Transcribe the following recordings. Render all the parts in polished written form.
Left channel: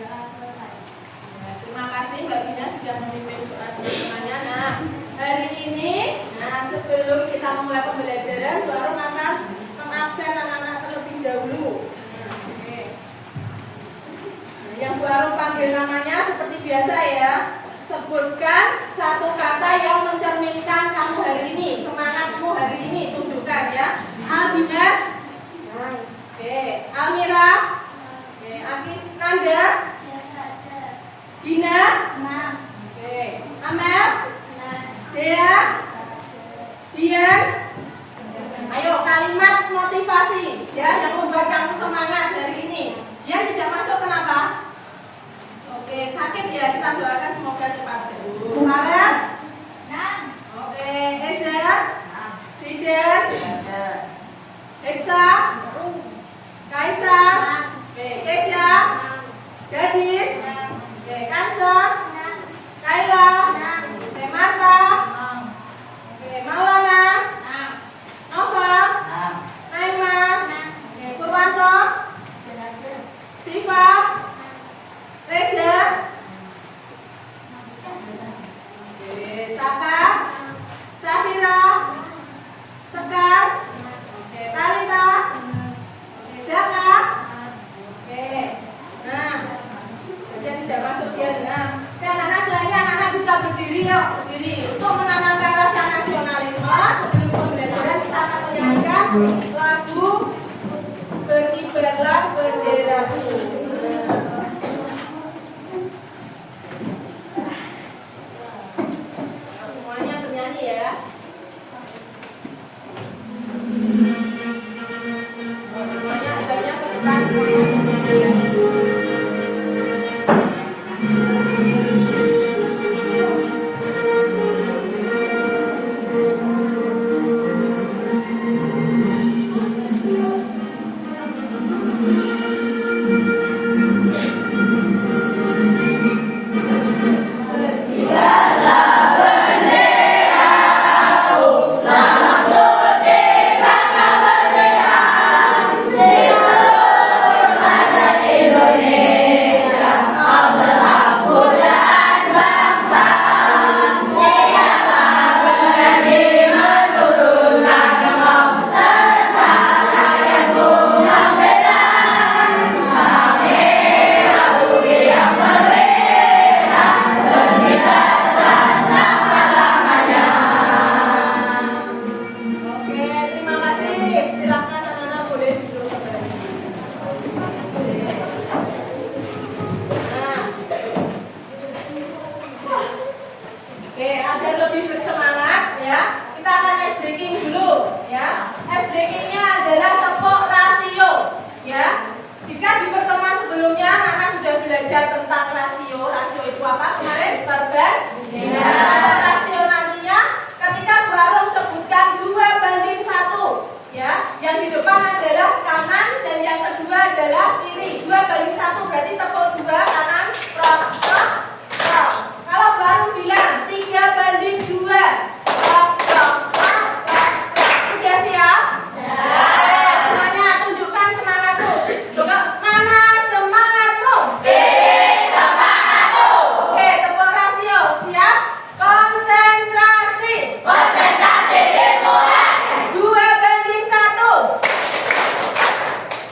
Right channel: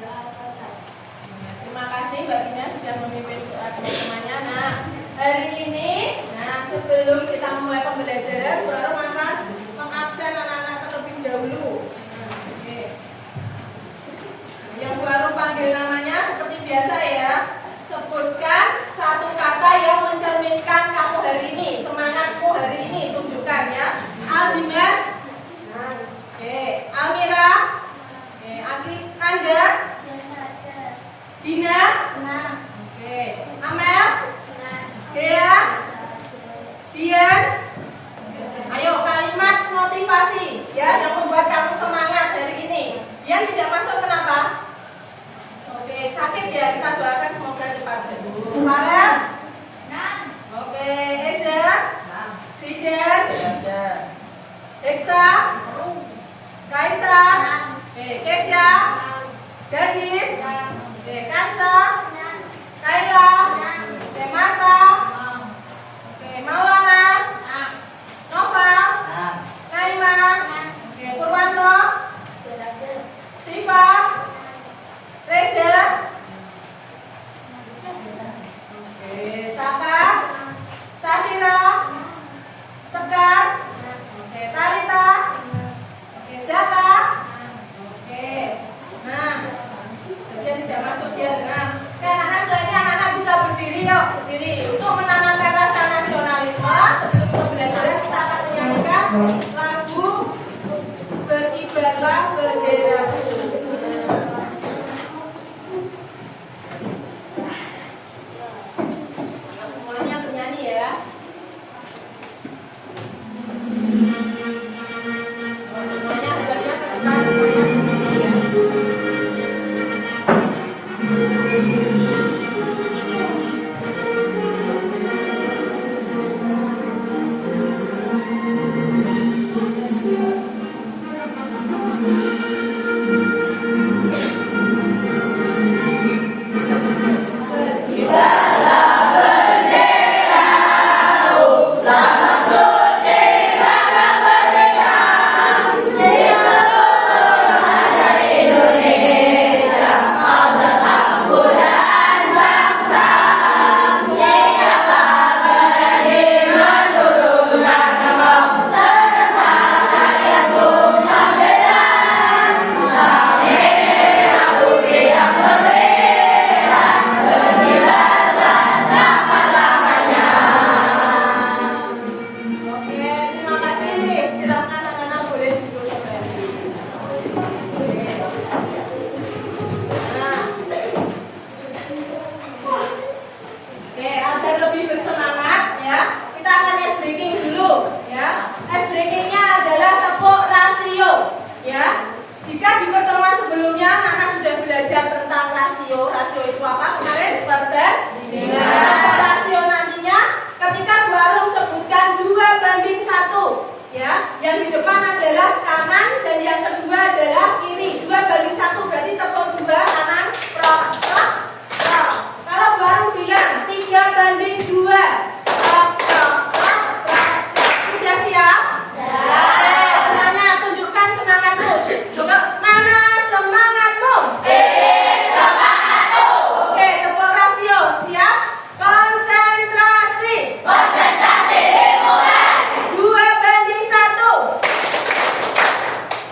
Terima kasih Mbak Gina sudah memimpin teman-temannya. Nah, hari ini, sebelum kita memulai pembelajaran, baru akan mengabsen anak-anak terlebih dahulu. Yang baru panggil namanya seperti biasa ya. Sebutkan satu kata yang mencerminkan kamu hari ini, semangatmu hari ini, tunjukkan ya. Aldinas, Almira, Anda, Dina, Amel, Dea, Dian. Ayo kalimat motivasi ya yang membuat kamu semangat hari ini. Yang tidak masuk kenapa? Oke, sakit ya, kita doakan semoga cepat sembuh. Farel? Oke, Eza? Sidan? Eksa? Kaisa? Kesya? Gadis? Kansa? Kaila? Marta? Maulana? Nova? Naima? Purwanto? Siva? Reza? Saka? Safira? Sekar? Talita? Zaka? Nah, jadi tidak masuk ya. Nah, anak-anak selainnya anak-anak bisa berdiri yuk, berdiri untuk menanamkan rasa nasionalisme. Sebelum pembelajaran kita akan menyanyikan lagu Berkibarlah Benderaku. Semuanya bernyanyi ya. Semuanya hendaknya ke depan, semuanya bernyanyi ya.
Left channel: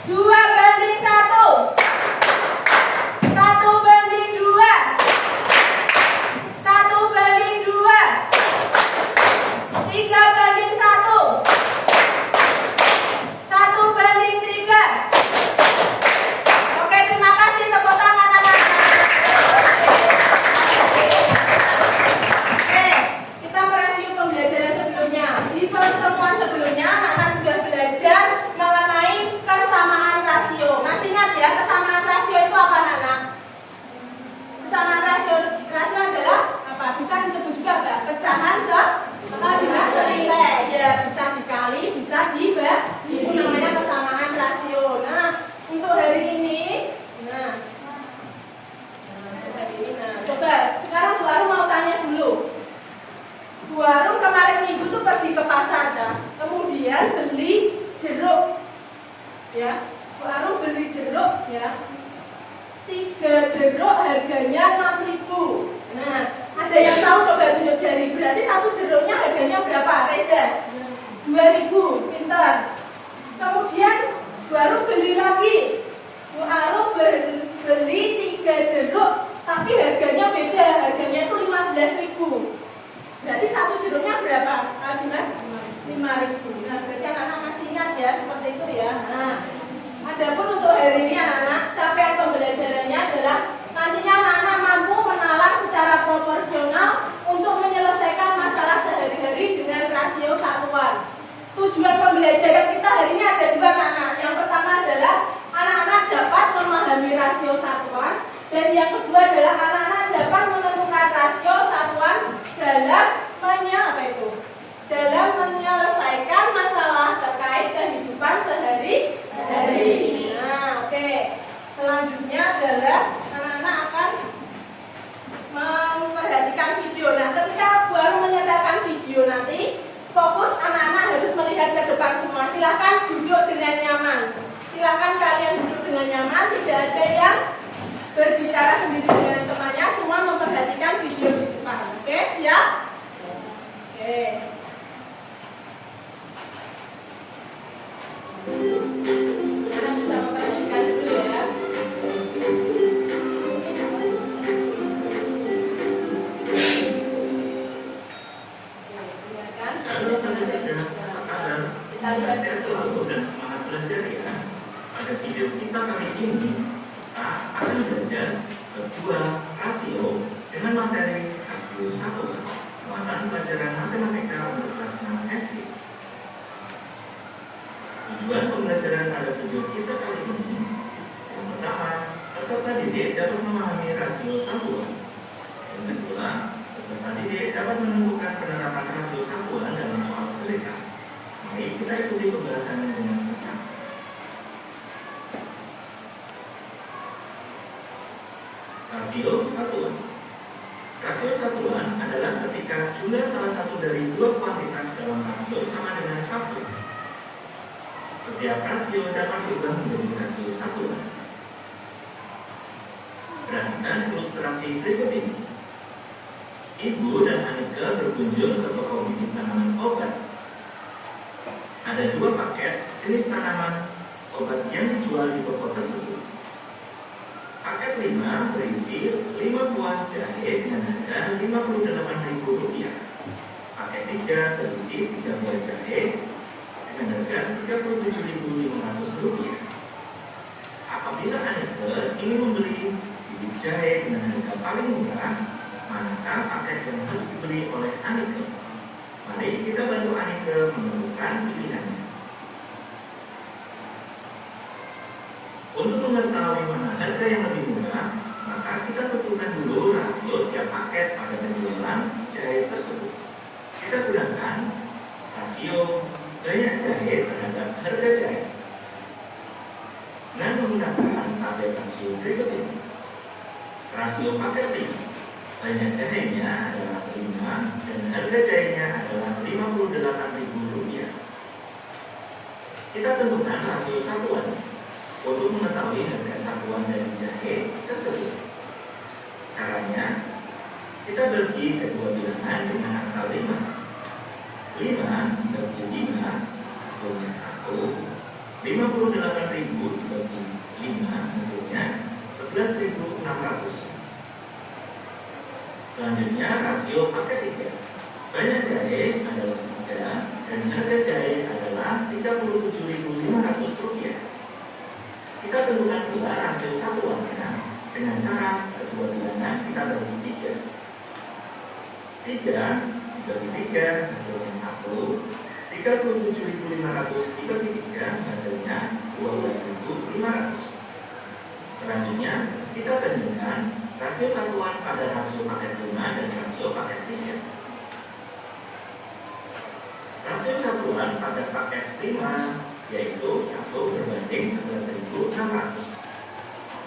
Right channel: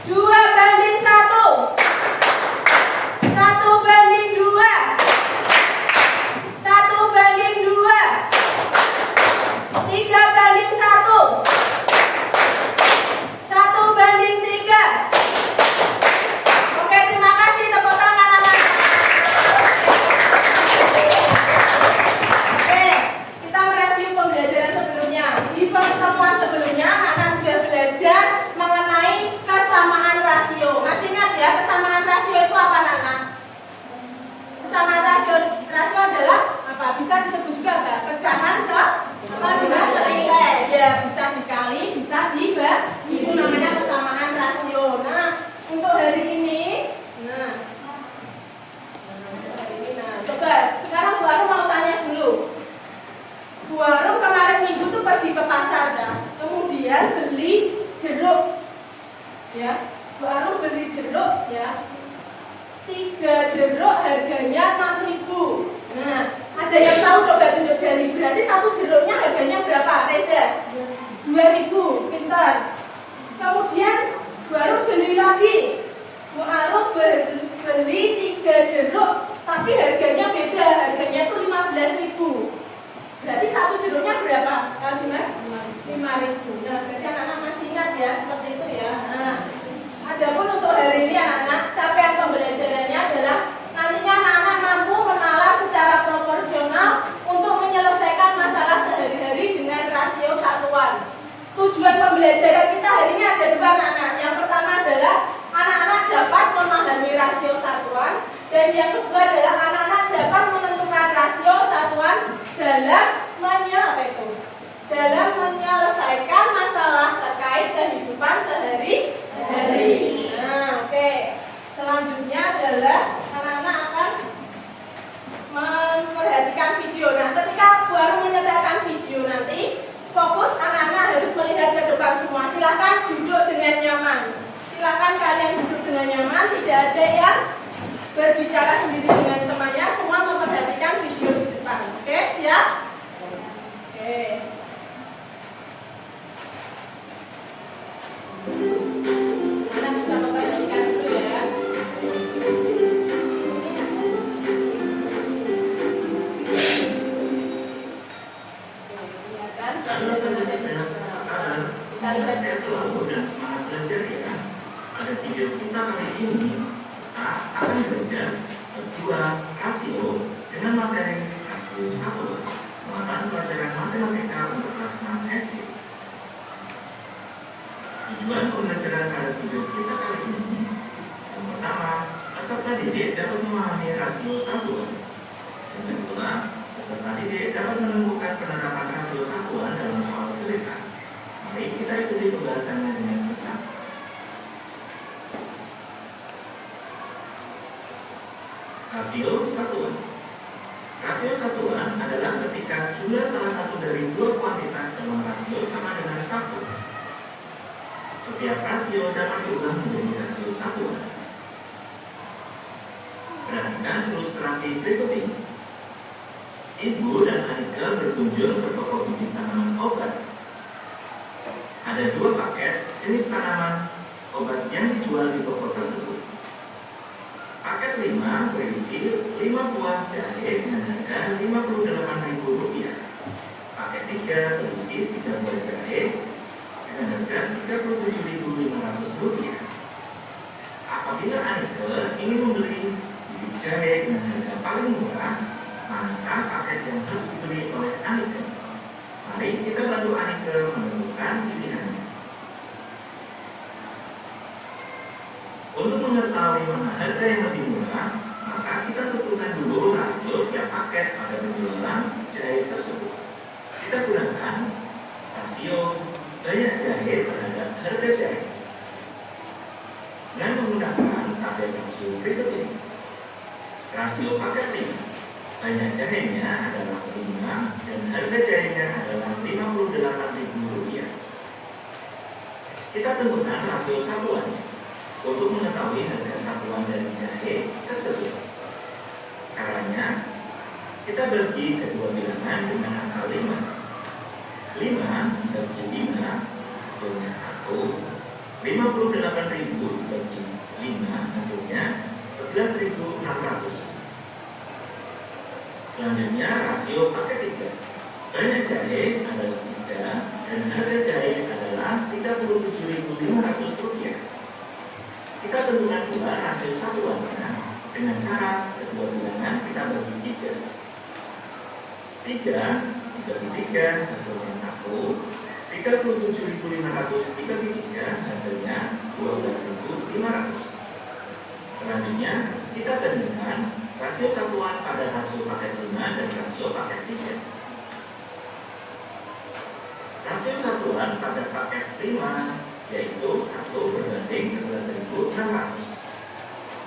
Dua jeruk harganya 6.000. Nah, ada yang tahu coba tunjuk jari. Berarti satu jeruknya harganya berapa, Reza? 2.000. Pintar. Kemudian baru beli lagi. Bu Aru beli 3 jeruk, tapi harganya beda. Harganya itu 15.000. Berarti satu jeruknya berapa? Mas? 5.000. Nah, berarti anak-anak masih ingat ya, seperti itu ya. Nah, adapun untuk hari ini anak-anak, capaian pembelajarannya adalah nantinya anak-anak mampu menalar secara proporsional untuk menyelesaikan masalah sehari-hari dengan rasio satuan. Tujuan pembelajaran kita hari ini ada dua, anak-anak. Yang pertama adalah anak-anak dapat memahami rasio satuan, dan yang kedua adalah anak-anak dapat menentukan rasio satuan dalam menyelesaikan masalah terkait kehidupan sehari-hari. Nah, oke. Selanjutnya adalah anak-anak akan memperhatikan video. Nah, ketika baru menyetelkan video nanti, fokus anak-anak harus melihat ke depan semua. Silakan duduk dengan nyaman. Silakan kalian duduk dengan nyaman. Tidak ada yang berbicara sendiri dengan temannya. Semua memperhatikan video di depan. Oke, siap? Oke. Mana bisa memperhatikan dulu ya. Kita lihat dulu. Dan semangat belajar ya. Pada video kita kali ini kita akan belajar dua rasio dengan materi rasio 1, muatan pelajaran matematika untuk kelas 6 SD. Tujuan pembelajaran pada video kita kali ini, yang pertama, peserta didik dapat memahami rasio 1. Yang kedua, peserta didik dapat menemukan penerapan rasio satuan dalam soal cerita. Mari kita ikuti pembahasannya dengan seksama. Rasio satuan. Rasio satuan adalah ketika jumlah salah satu dari dua kuantitas dalam rasio sama dengan 1. Setiap rasio dapat diubah menjadi rasio satuan. Perhatikan ilustrasi berikut ini. Ibu dan Anika berkunjung ke toko bibit tanaman obat. Ada 2 paket jenis tanaman obat yang dijual di toko tersebut. Paket 5 berisi 5 buah jahe dengan harga Rp58.000. Paket 3 berisi 3 buah jahe dengan harga Rp37.500. Apabila Anika ingin membeli bibit jahe dengan harga paling murah, maka paket yang harus dibeli oleh Anika. Mari kita bantu Anika menentukan pilihannya. Untuk mengetahui mana harga yang lebih murah, maka kita tentukan dulu rasio tiap paket pada penjualan jahe tersebut. Kita gunakan rasio banyak jahe terhadap harga jahe dengan menggunakan tabel rasio berikut ini. Rasio paket 5, banyak jahenya adalah 5 dan harga jahenya adalah Rp58.000. Kita tentukan rasio satuan untuk mengetahui harga satuan dari jahe tersebut. Caranya, kita bagi kedua bilangan dengan angka 5. 5 bagi 5 hasilnya 1. 58.000 bagi 5 hasilnya 11.600. Selanjutnya rasio paket 3. Banyak jahe adalah 3 dan harga jahe adalah Rp37.500. Kita tentukan pula rasio satuannya dengan cara kedua bilangan kita bagi 3. 3 dibagi 3 hasilnya 1. 37.500 dibagi 3 hasilnya 12.500. Selanjutnya kita bandingkan rasio satuan pada rasio paket 5 dan rasio paket 3. Rasio satuan pada paket 5 yaitu 1 berbanding 11.600.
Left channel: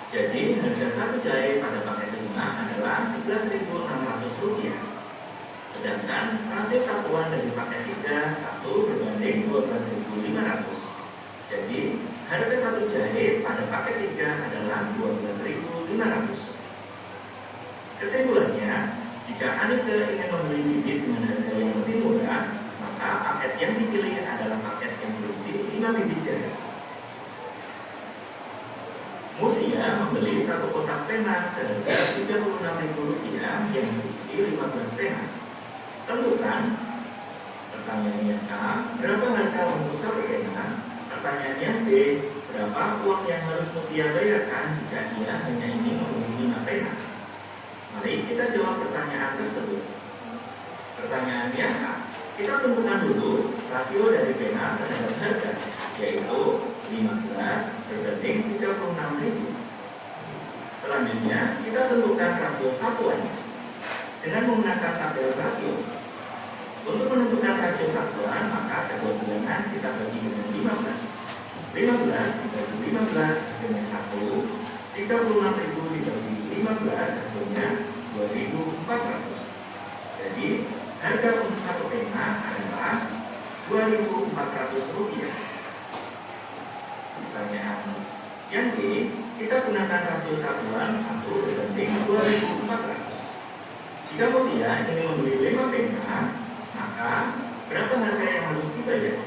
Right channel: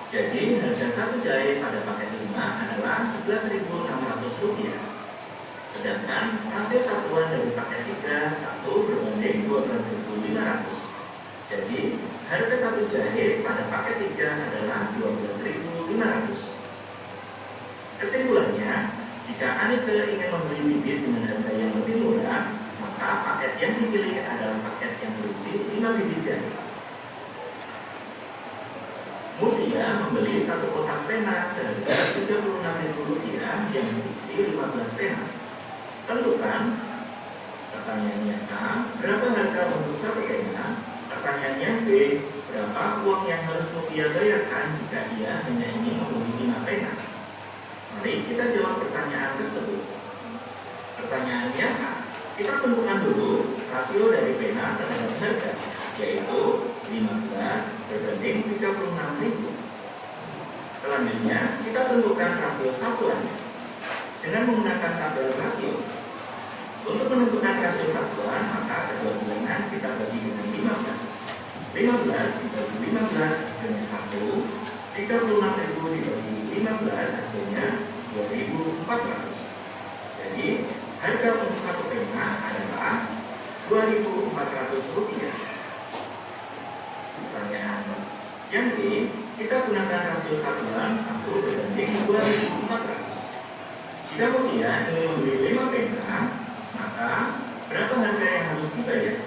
Jadi harga satu jahe pada paket 5 adalah Rp11.600. Sedangkan rasio satuan dari paket 3 1 berbanding 12.500. Jadi harga satu jahe pada paket 3 adalah 12.500. membeli satu kotak pena seharga Rp36.000 yang berisi 15 pena. Tentukan. Pertanyaannya A, berapa harga untuk satu pena? Pertanyaannya B, berapa uang yang harus Mutia bayarkan jika ia hanya ingin membeli 5 pena? Mari kita jawab pertanyaan tersebut. Pertanyaannya A, kita tentukan dulu rasio dari pena terhadap harga, yaitu 15 berbanding 36.000. Selanjutnya, kita tentukan rasio satuannya dengan menggunakan tabel rasio. Untuk menentukan rasio satuan, maka kedua bilangan kita bagi dengan 15. 15 dibagi 15 hasilnya 1. 36.000 dibagi 15 hasilnya 2.400. Jadi, harga untuk satu pena adalah Rp2.400. Pertanyaan yang B, kita gunakan rasio satuan 1 berbanding 2.400. Jika Mutia ingin membeli 5 pena, maka berapa harga yang harus dibayar?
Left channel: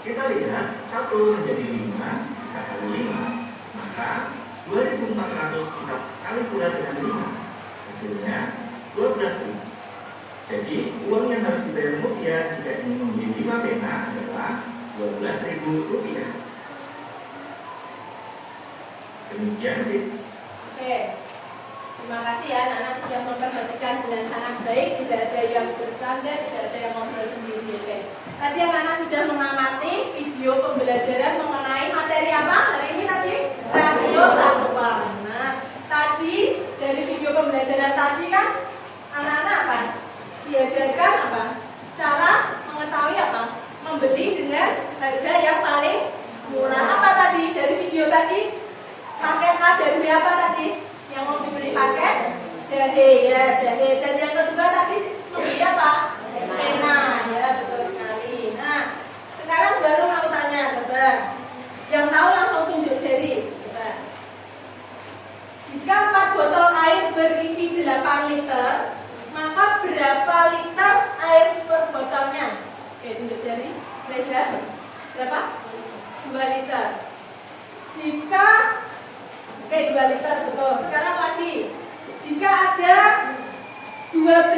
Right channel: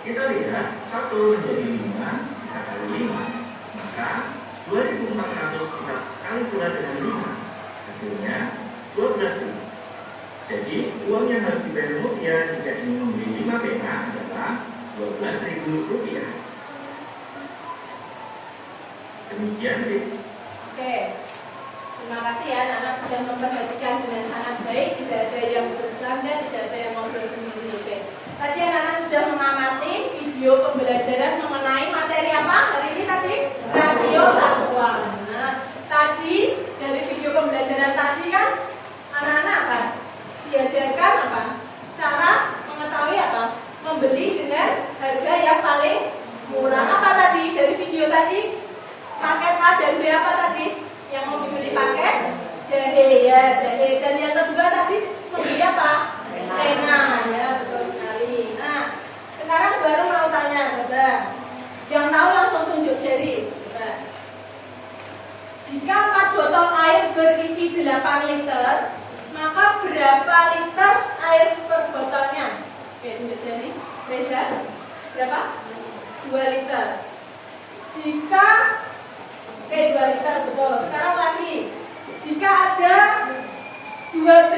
Kita lihat 1 menjadi 5, kita kali 5, maka 2.400 kita kali pula dengan 5, hasilnya 12.000. Jadi uang yang harus dibayar Mutia jika ingin membeli 5 pena adalah Rp12.000. Demikian, Bib. Oke. Terima kasih ya, anak-anak sudah memperhatikan dengan sangat baik, tidak ada yang bercanda, tidak ada yang ngobrol sendiri. Oke. Tadi anak-anak sudah mengamati video pembelajaran mengenai materi apa hari ini tadi? Rasio satuan. Nah, tadi dari video pembelajaran tadi kan anak-anak apa? Diajarkan apa? Cara mengetahui apa? Membeli dengan harga yang paling murah. Apa tadi dari video tadi? Paket A dan B apa tadi? Yang mau dibeli paket jahe ya, jahe. Dan yang kedua tadi membeli apa? Pena ya, betul sekali. Nah, sekarang baru mau tanya, coba. Yang tahu langsung tunjuk jari. Coba. Jika 4 botol air berisi 8 liter, maka berapa liter air per botolnya? Oke, tunjuk jari. Reza, berapa? 2 liter. Jika 2 liter, betul. Sekarang lagi, jika ada 12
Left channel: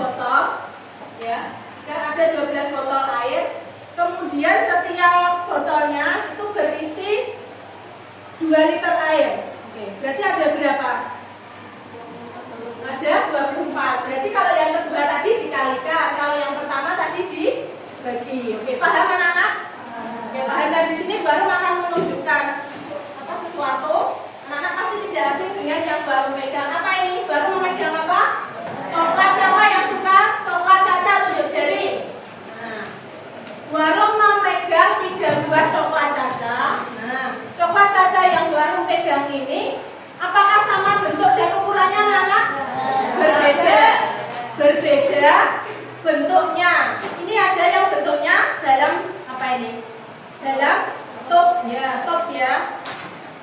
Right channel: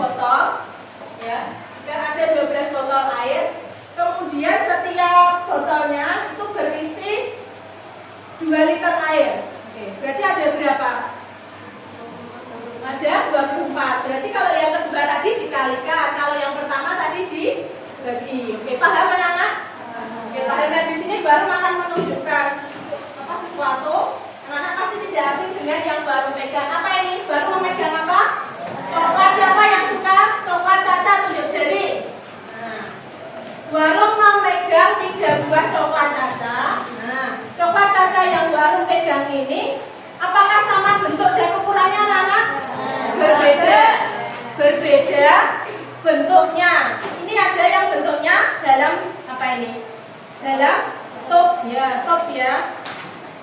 botol, ya, jika ada 12 botol air, kemudian setiap botolnya itu berisi 2 liter air. Oke, berarti ada berapa? Ada 24. Berarti kalau yang kedua tadi dikalikan, kalau yang pertama tadi dibagi. Oke, paham anak-anak? Oke, paham. Nah, di sini baru akan menunjukkan sesuatu. Anak-anak pasti tidak asing dengan yang baru megang. Apa ini? Baru memegang apa? Coklat. Siapa yang suka coklat? Caca, tunjuk jari. Nah, baru memegang 3 buah coklat Caca. Nah, coklat Caca yang baru megang ini, apakah sama bentuk dan ukurannya anak-anak? Berbeda bentuknya. Ini ada yang bentuknya dalam apa ini? Dalam top ya.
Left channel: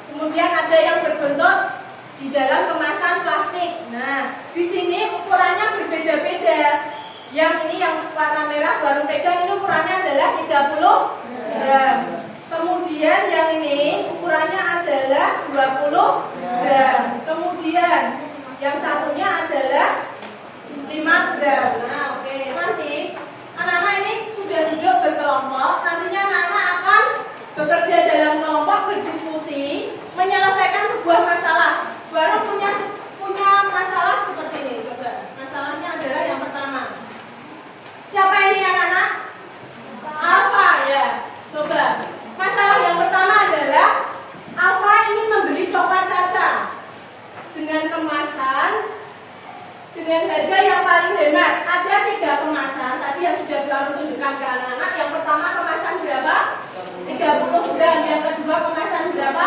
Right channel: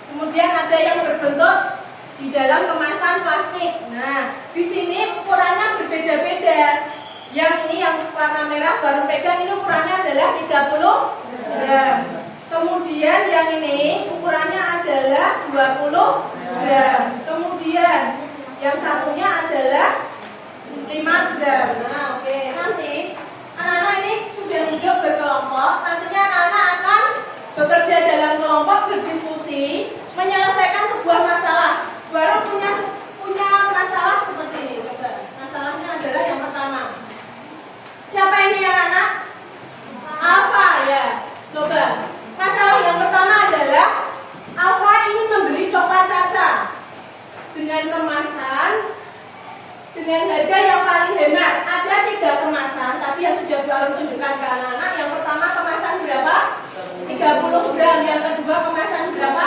Kemudian ada yang berbentuk di dalam kemasan plastik. Nah, di sini ukurannya berbeda-beda. Yang ini yang warna merah baru pegang ini ukurannya adalah 30 gram. Kemudian yang ini ukurannya adalah 20 gram. Kemudian yang satunya adalah 5 gram. Nah, oke. Nanti anak-anak ini sudah duduk berkelompok. Nantinya anak-anak akan bekerja dalam kelompok, berdiskusi, menyelesaikan sebuah masalah. Baru punya masalah seperti ini. Coba. Masalahnya adalah yang pertama. Siapa ini anak-anak? Alfa ya. Coba. Masalah yang pertama adalah Alfa ingin membeli coklat Caca dengan kemasan dengan harga yang paling hemat. Ada 3 kemasan tadi yang sudah baru tunjukkan ke anak-anak. Yang pertama kemasan berapa? 30 gram. Yang kedua kemasan berapa?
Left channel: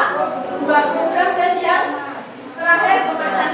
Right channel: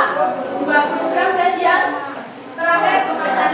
20 gram. Dan yang terakhir kemasan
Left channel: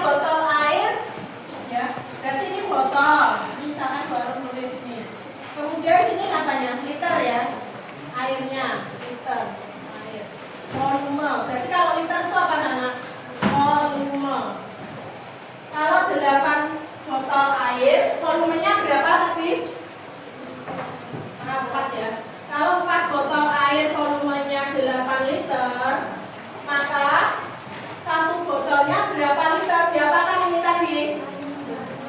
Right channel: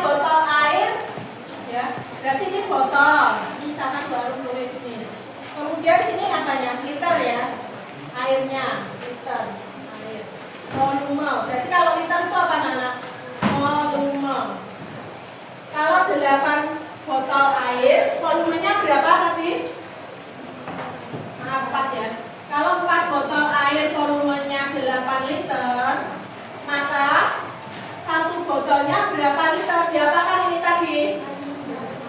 botol air, ya, berarti ini botol. Ini misalkan baru nulis ini. Kemudian sini apanya? Liter ya, airnya, liter, air. Volume. Berarti kalau liter itu apa anak? Volume. Kalau 8 botol air, volumenya berapa tadi? 4 ya. Kalau 4 botol air volumenya 8 liter, maka satu botolnya berapa liter? Diapakan ini tadi?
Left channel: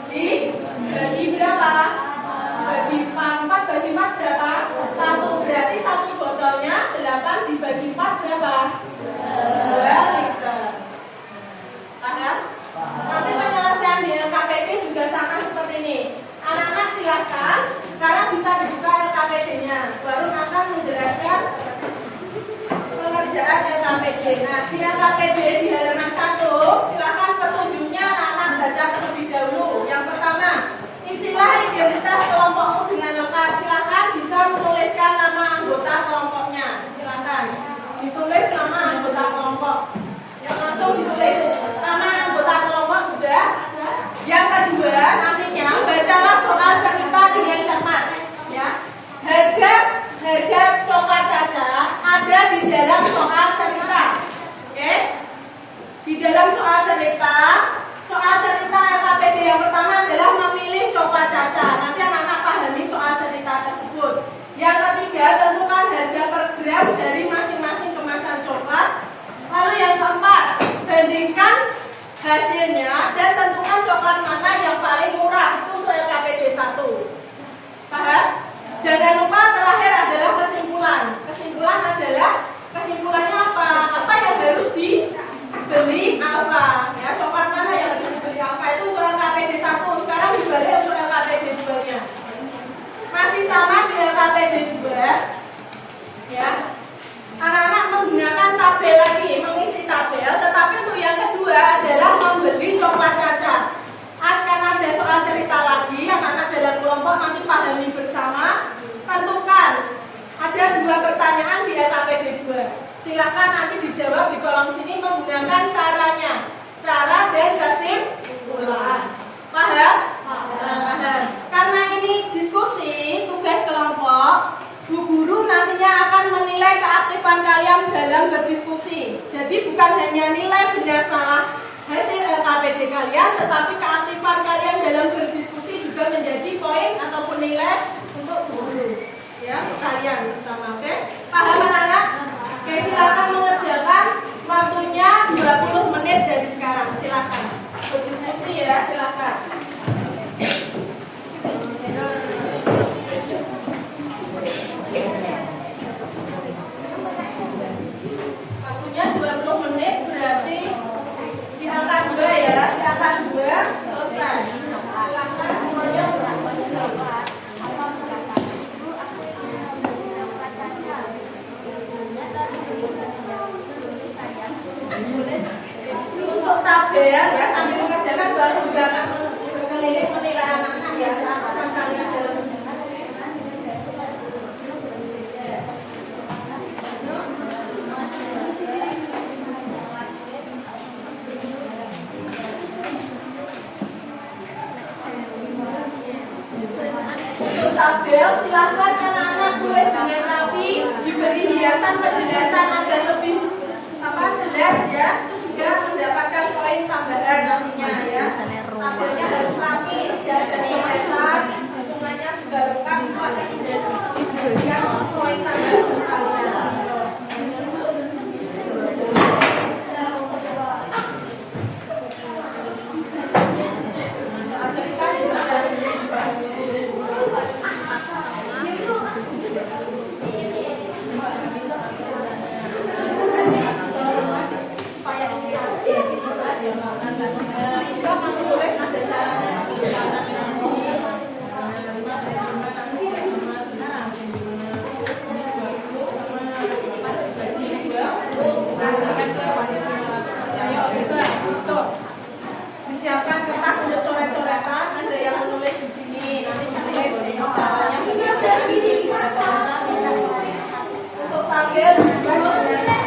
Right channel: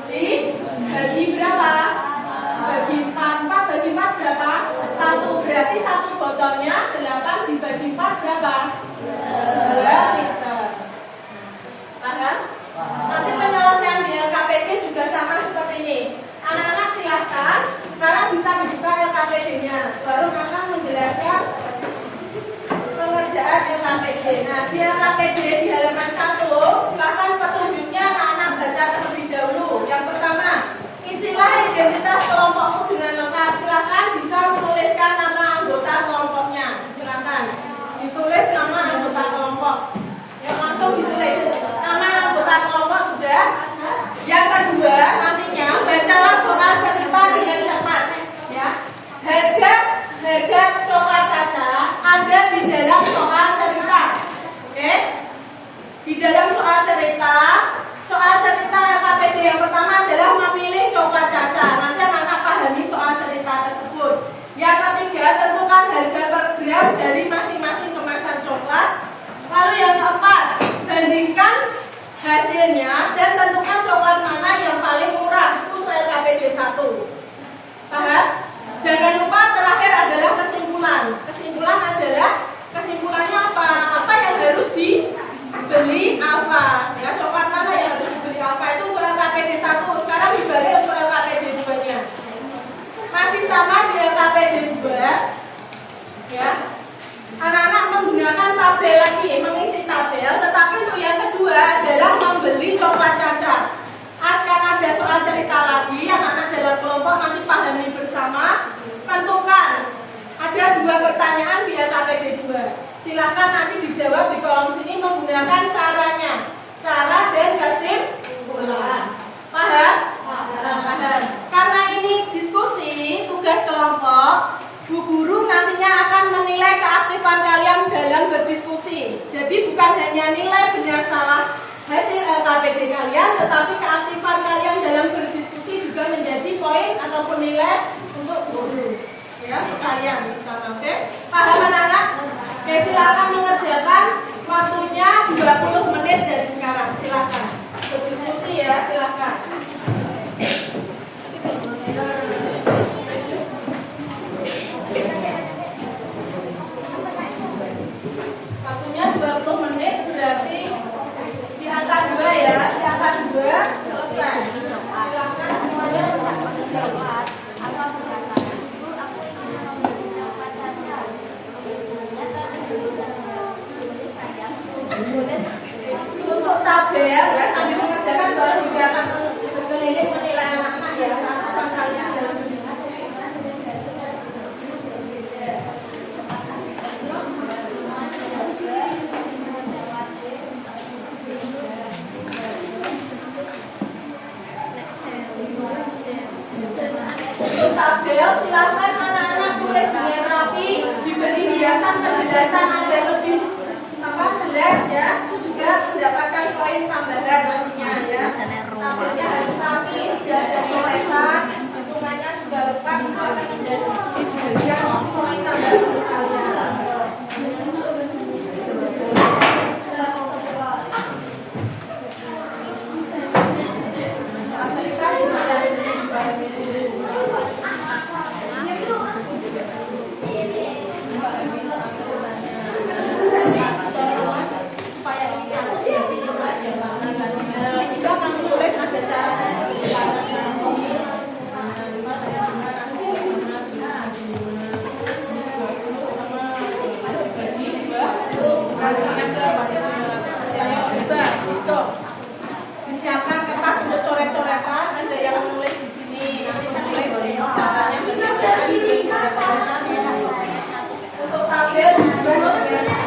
Dibagi berapa? Bagi 4 bagi 4 berapa? 1. Berarti satu botolnya 8 dibagi 4 berapa? 2 liter. Paham? Nanti penyelesaian di LKPD juga sama seperti ini. Anak-anak silakan sekarang bisa dibuka LKPD-nya. Baru akan menjelaskan pengerjaan LKPD. Nah, di LKPD di halaman 1, silakan petunjuknya anak-anak baca terlebih dahulu. Yang pertama, isilah identitas kelompokmu dengan lengkap. Silakan bisa menuliskan nama anggota kelompoknya. Silakan ditulis nama anggota kelompok. Yang langsung ditulis nama anggota kelompok sudah. Yang kedua, nantinya bacalah soal cerita dengan cermat. Ya, harga coklat Caca ada di dalam soal cerita. Oke? Di dalam soal cerita LKPD yang pertama adalah memilih coklat Caca. Nanti anak-anak pahami soal cerita tersebut. Yang ketiga, tentukan harga per gram dari masing-masing kemasan coklat. Lalu yang keempat, bandingkan hasilnya dan tentukan coklat mana yang paling murah. Itu untuk LKPD 1. Paham? Jangan lupa terakhir adalah kesimpulan. Kesimpulannya apa? Apa yang harus dibeli apa? Ya, coklat mana yang harus dibeli apa? Itu untuk LKPD 1. Sekarang dibalik untuk LKPD 2-nya. Masih sama di LKPD 2. Ya. Anak-anak menggunakan tabel lagi, mengisi tabel, tetapi untuk yang kedua adalah membeli coklat Caca. Akan ada soal cerita lagi, anak-anak dalam kelompok nanti pahami bersama. Tentukan, ada 2 pertanyaan di LKPD 2. Silakan nanti dijawab di kolom sini menggunakan caranya, cara dan kesimpulan. Paham? Paham. Karena ini diskusi, tugas kelompok, Bu Guru nantinya akan menilai keaktifan kalian dalam berdiskusi. Jadi bukan hanya nilai benar salah hasil LKPD kalian, tetapi keaktifan kalian dalam berdiskusi juga menjadi poin ataupun nilai untuk guru. Ya, untuk kalian terutama, oke? Paham anak-anak? Oke, silakan mengerjakan, waktunya 20 menit dari sekarang. Silakan berdiskusi ya, silakan. Waktunya 20 menit berarti di angka 2 ya, di angka 2 selesai. Silakan semuanya berangkat. Untuk tabel ya, sambil mengerjakan baru juga akan berkeliling menilai anak-anak ya, keaktifan kalian dalam diskusi. Untuk tabel silakan anak-anak tulis dengan rapi, diberi hiasan penjelasan agar lebih jelas ya. Itu juga mendapatkan poin tambahan nantinya ya. Tabelnya harus rapi, tidak ada coretan, hitungannya juga lengkap, itu akan menjadi poin tambahan untuk kalian. Disiapkan kertas untuk coret-coretan. Ada yang menulis di sini. Nanti menulis caranya bagaimana. Untuk tabel ya,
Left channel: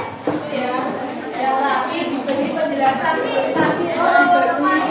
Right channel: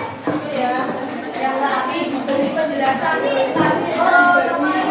yang rapi diberi penjelasan tadi.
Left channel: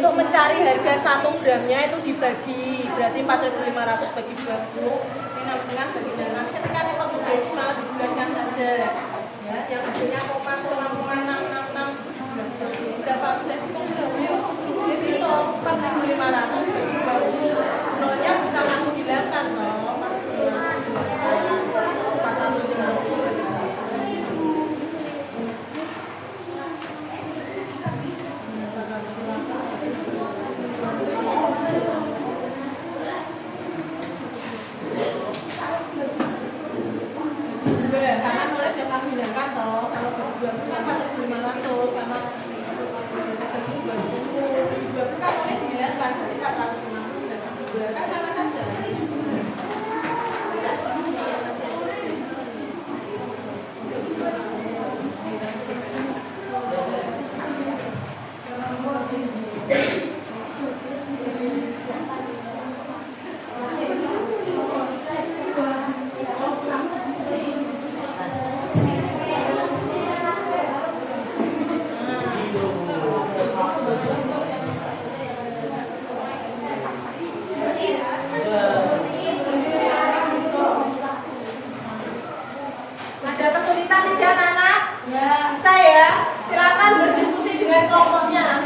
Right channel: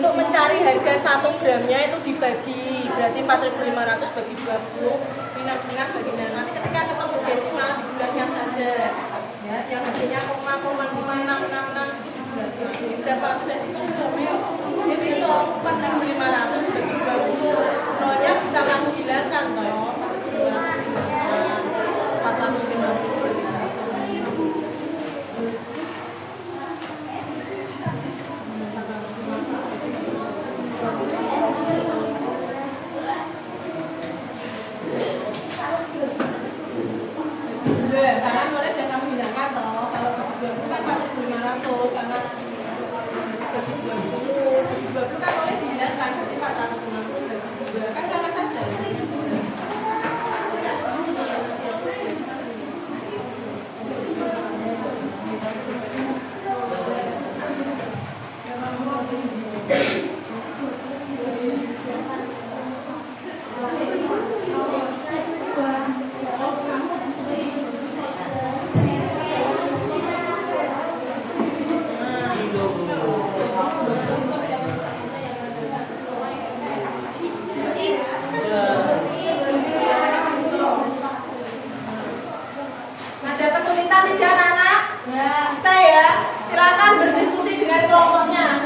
Untuk mencari harga 1 gramnya itu dibagi, berarti 4.500 bagi 20, ini 6,5 baginya. Nanti ketika ketemu desimal dibulatkan saja, ya, yang hasilnya koma 666 itu dibulatkan. Berapa sudah dihitung belum? Ayo, jadi itu 4.500 bagi 20, nolnya bisa kamu hilangkan toh, 4.500 hilangkan 450. Karena mulai dan kamu hilangkan toh, kalau bagi 20 kan 4.500, karena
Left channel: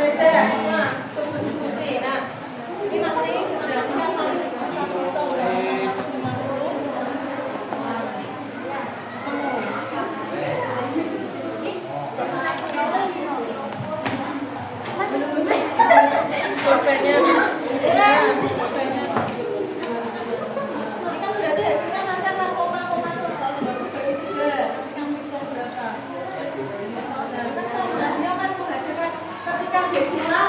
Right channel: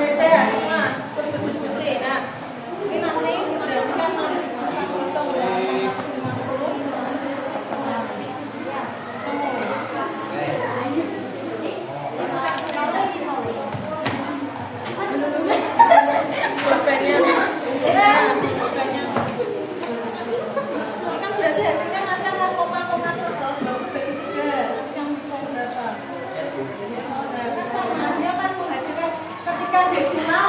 Bisa semua sebelum diskusi. Nah, ini nanti berarti kan harus kamu hitung ya. 50. Pulpennya kan berarti hasilnya nanti akan koma-koma terus kalau nggak bagi 3 yang hitung berapa? Nah, dia kan menghasilkan ketika desimal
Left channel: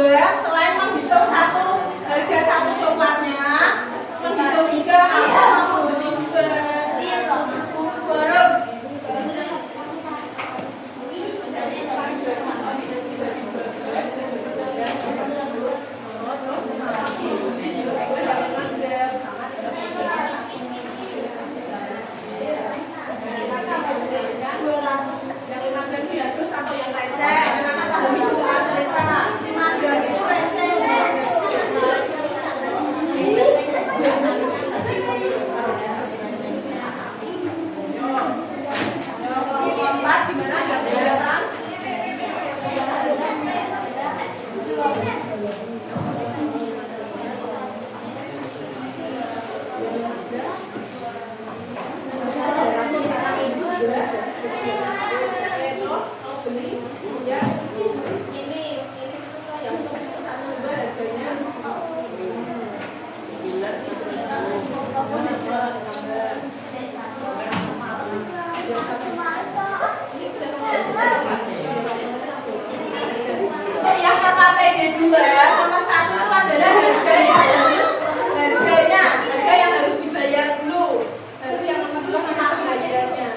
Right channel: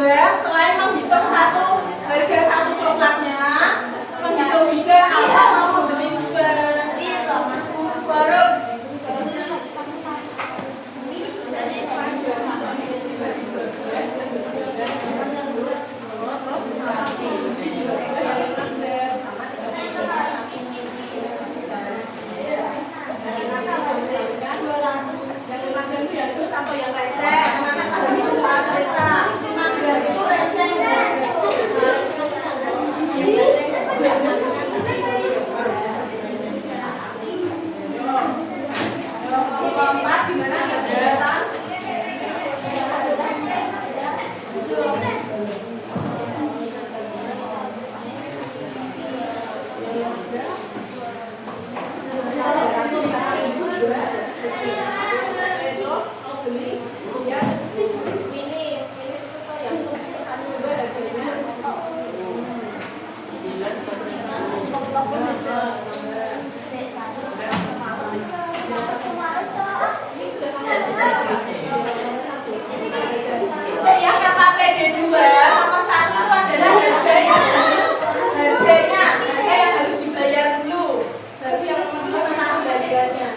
dua, selain menghitung harga satu coklatnya, menghitung juga apa mau beli juga. Baru yang KPD 2 nomor 1 itu adalah harga yang harus dibayar dulu. Tapi yang nomor 2 tentang pembayarannya.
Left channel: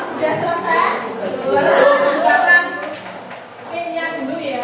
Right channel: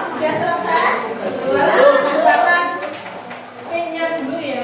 Sudah selesai. Buatkan pinnya dulu ya.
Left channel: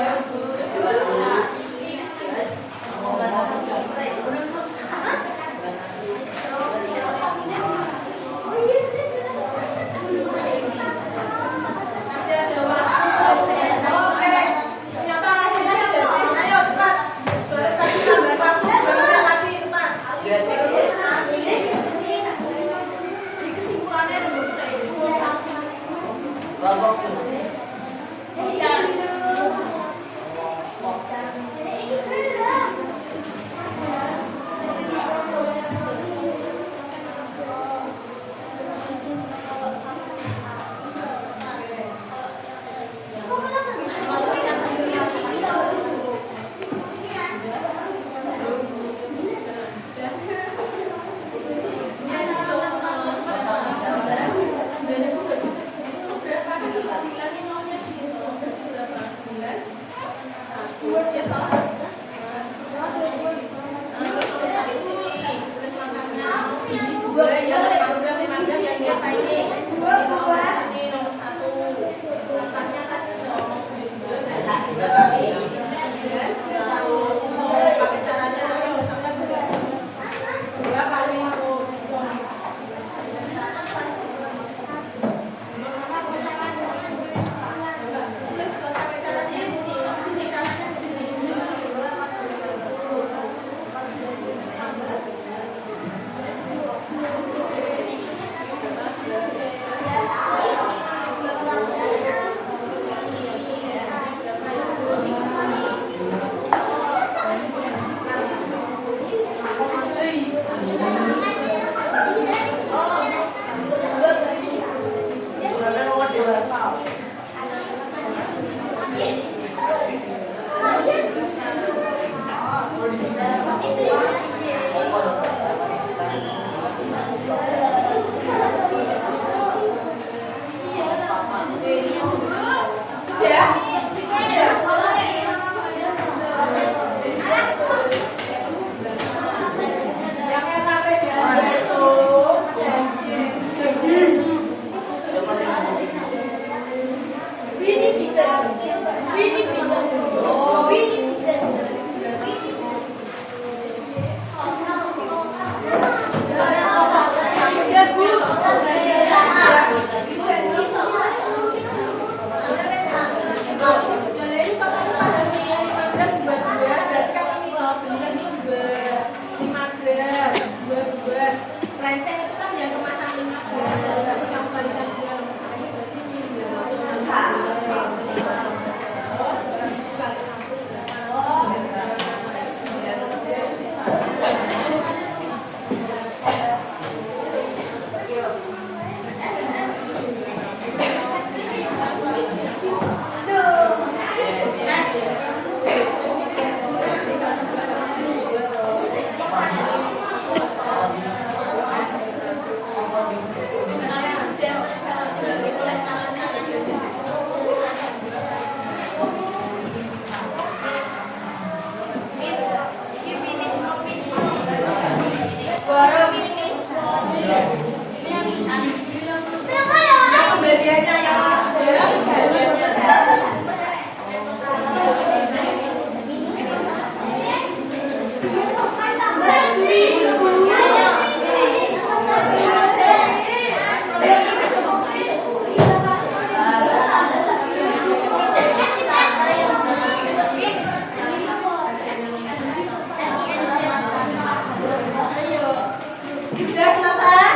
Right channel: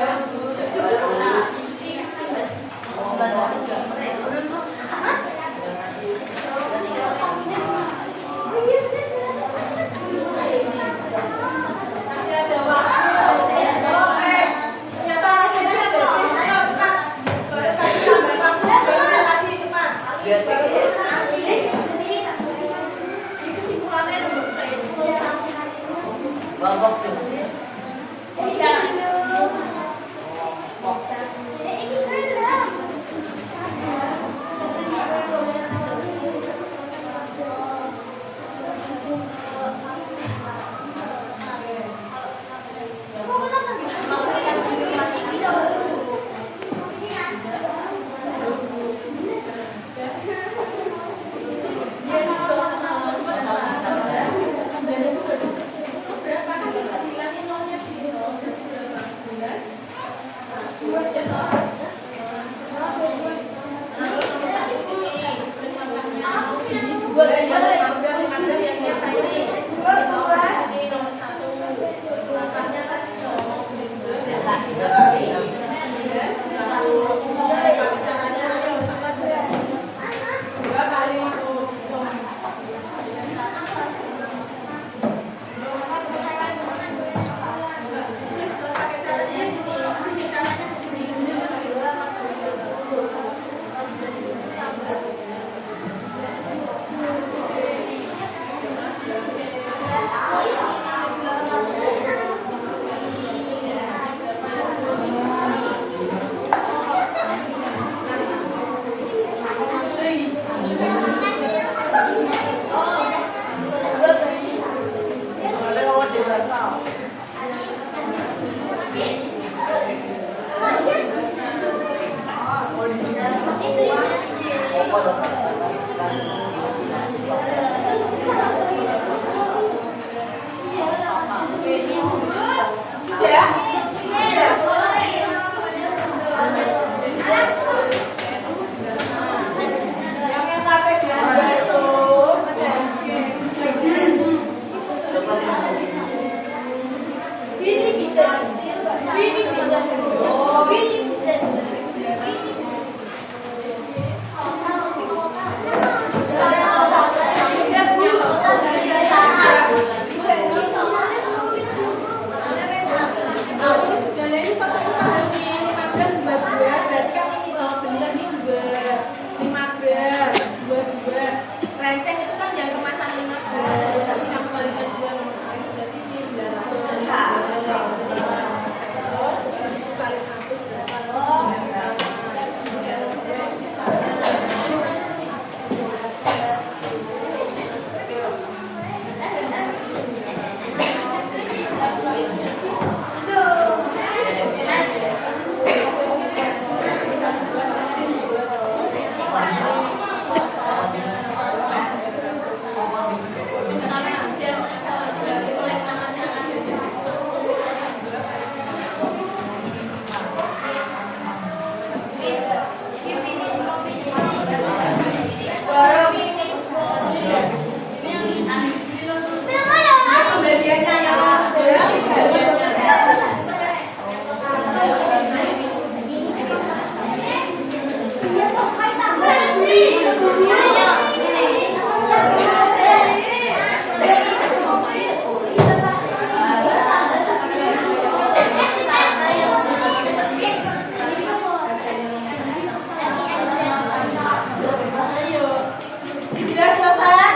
Sudah selesai?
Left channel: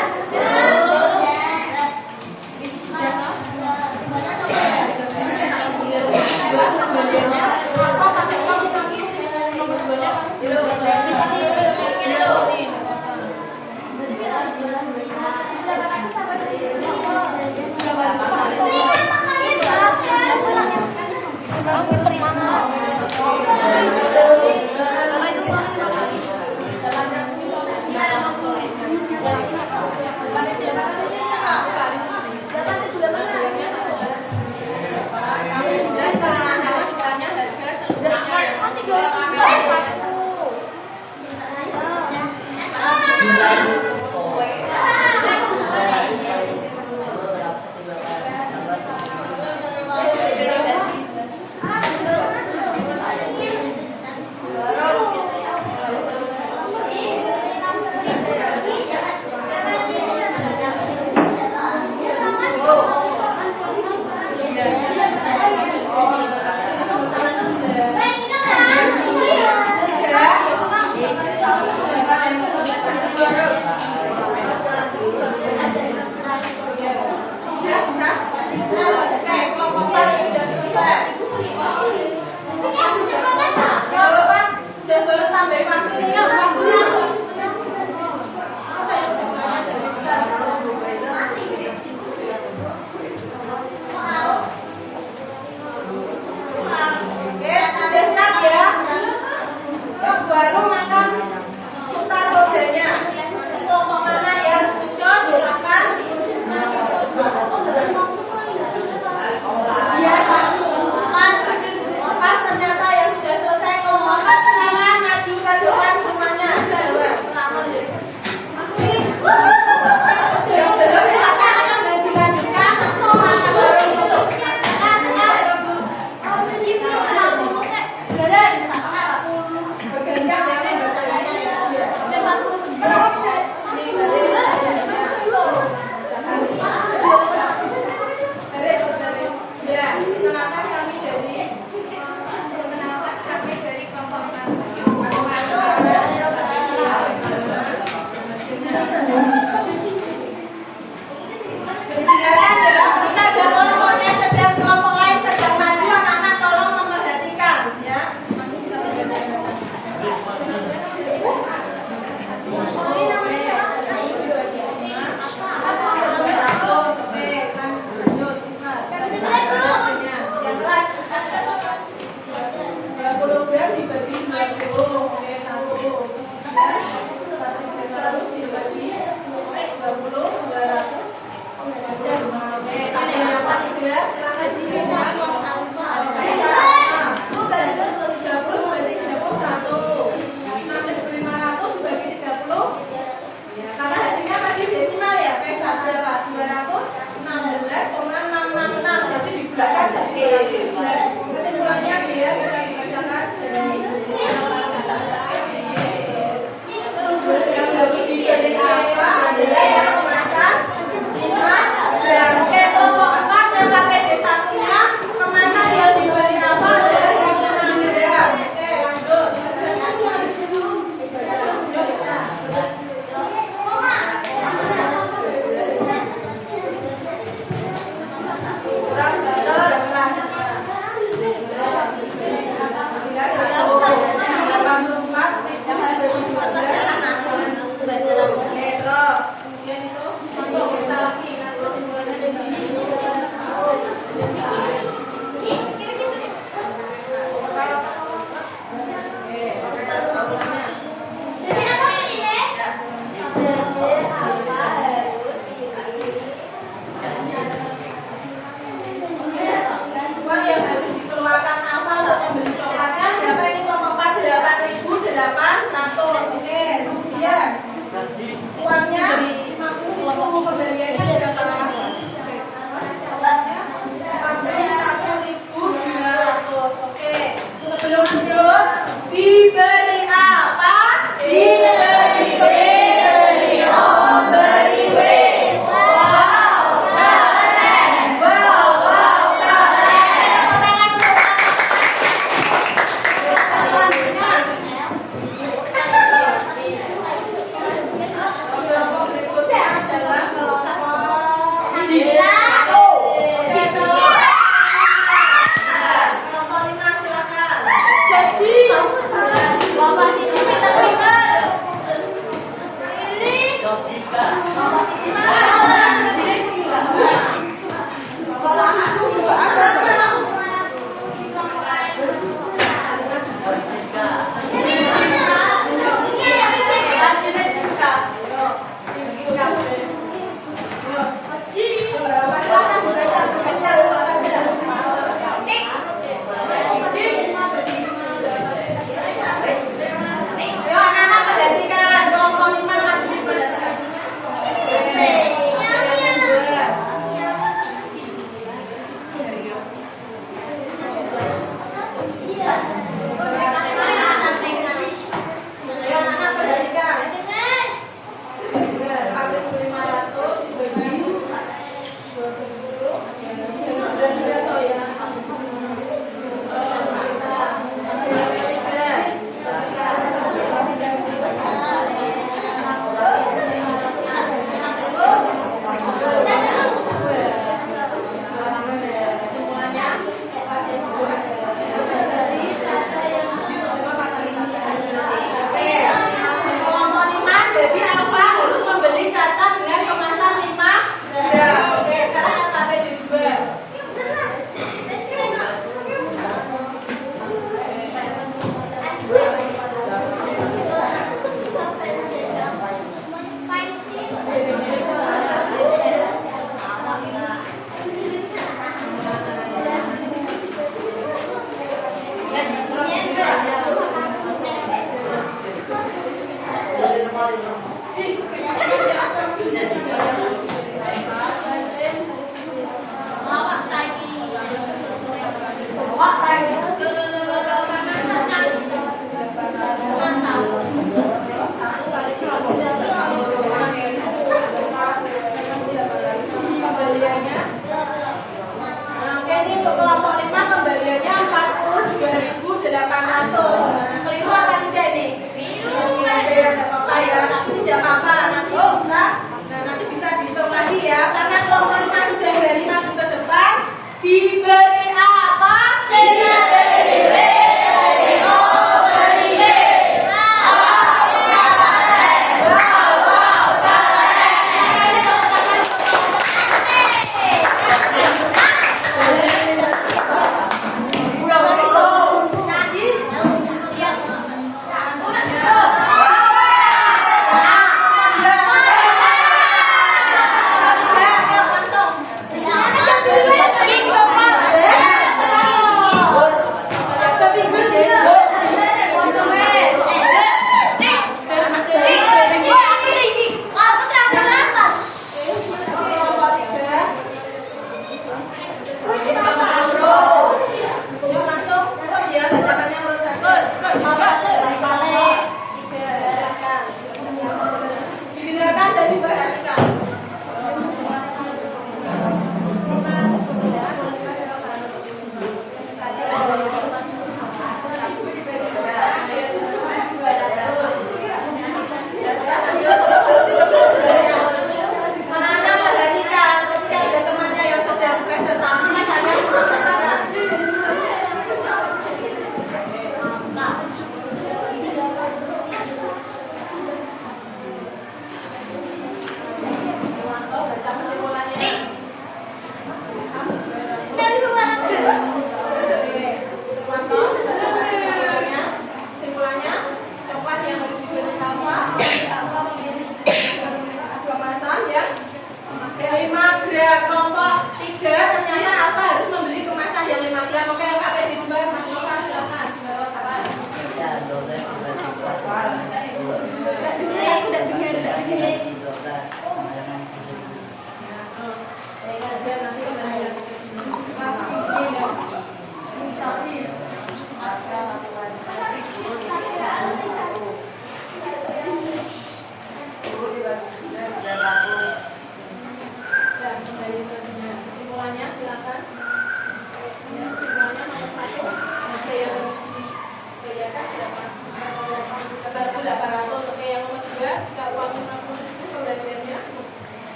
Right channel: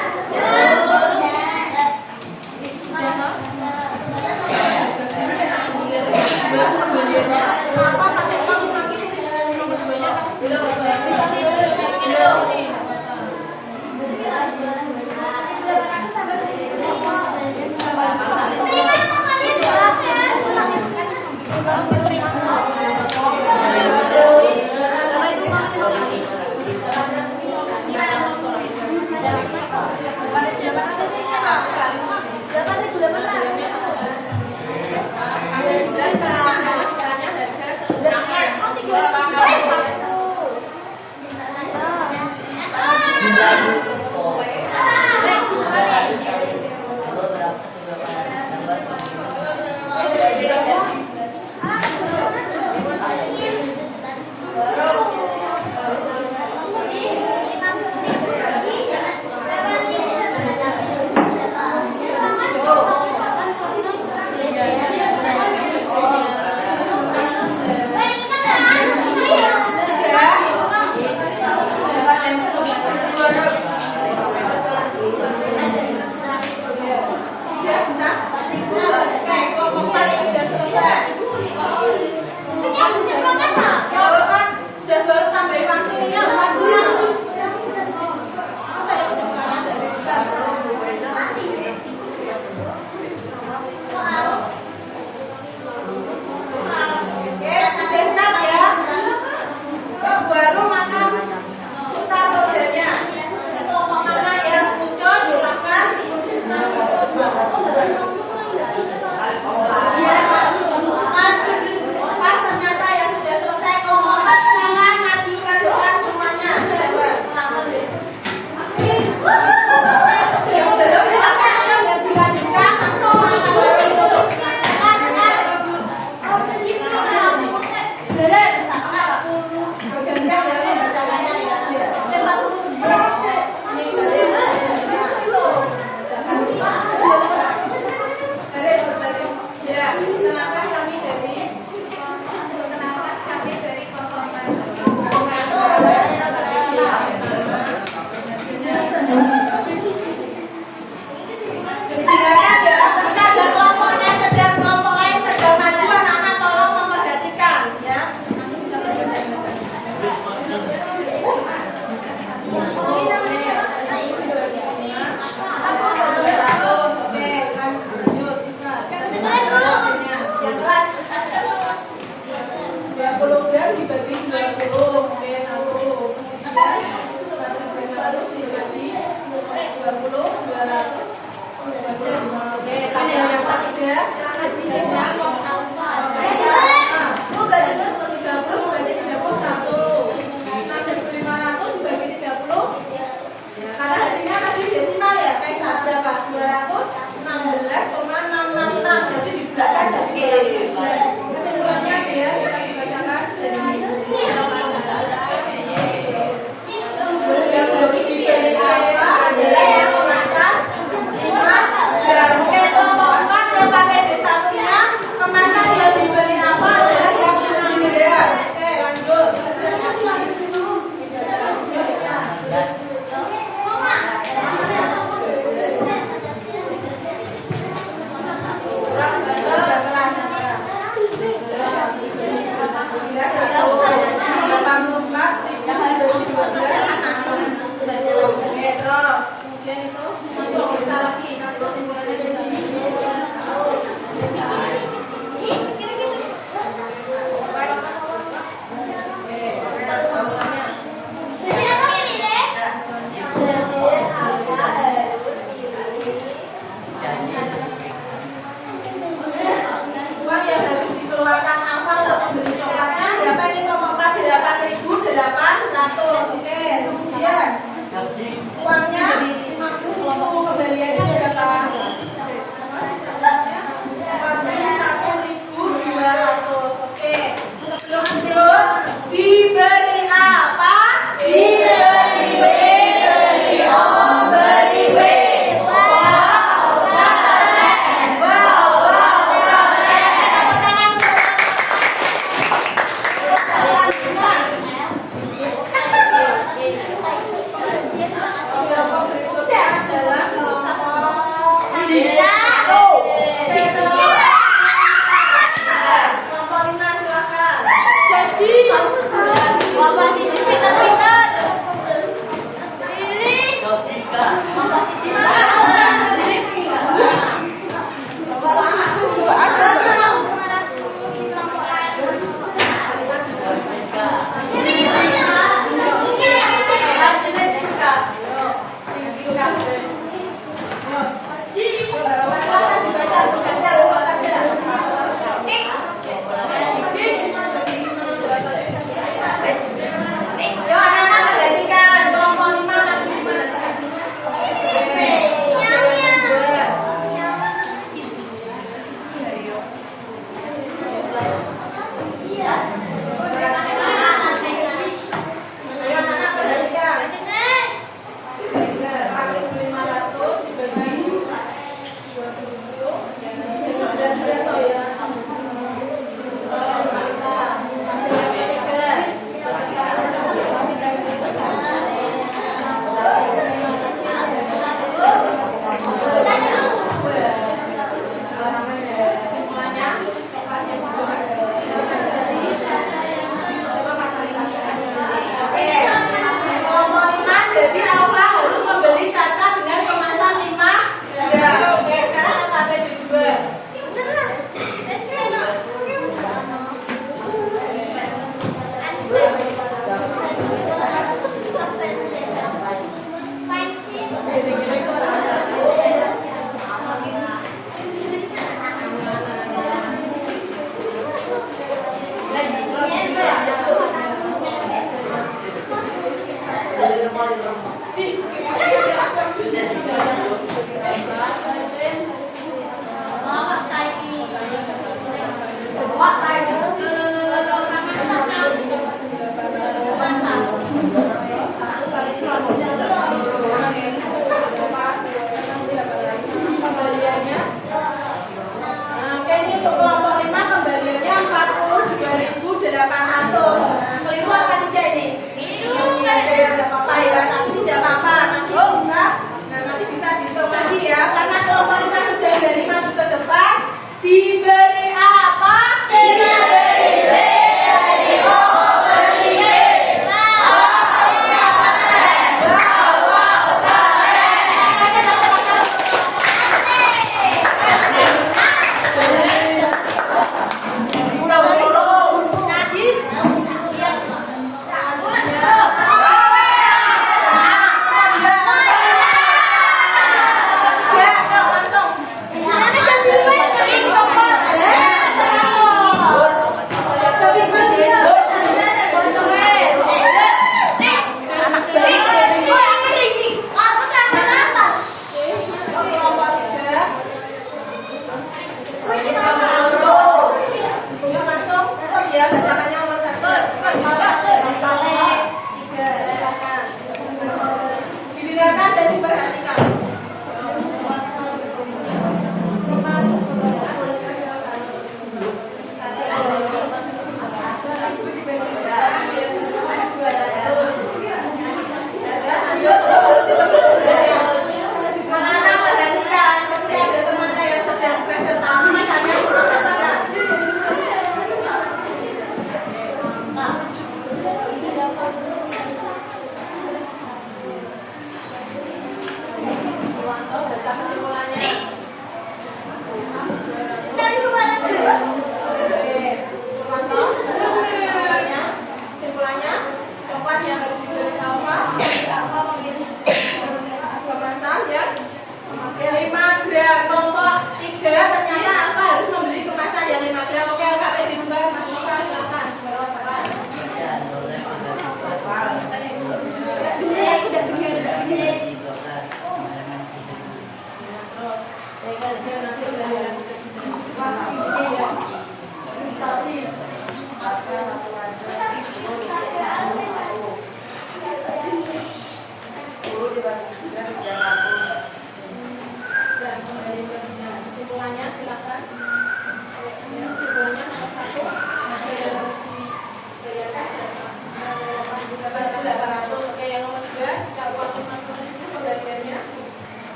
Apa pakai kaki nomor 2-nya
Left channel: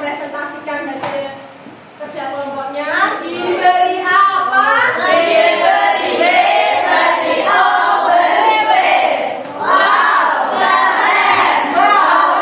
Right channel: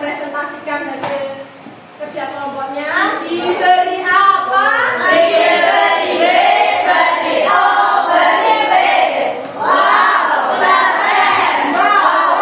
mempresentasikan hasil kerja kelompoknya diberi apa? Diberi B, beri O, beri B. Wow, keren. Wow,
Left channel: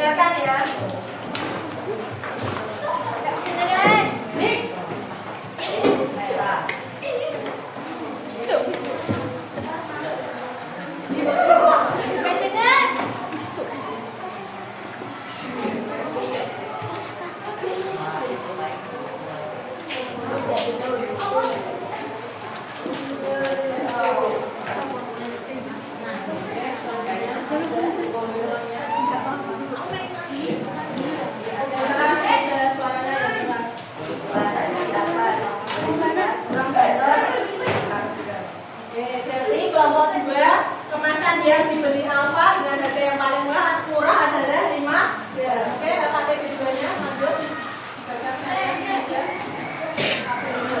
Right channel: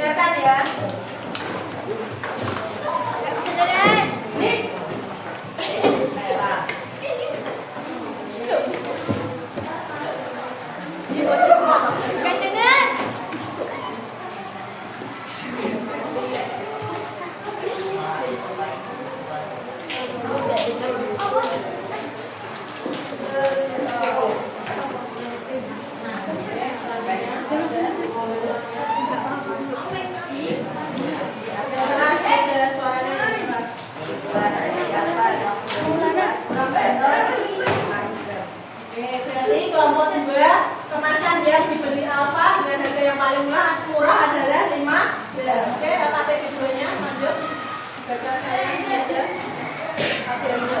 dengarkan ya. Kelompok 2 kemasan yang dibeli alfa dengan harga yang paling murah adalah 15. Oke, data keduanya lanjut. Baca saya aja. Tabelnya.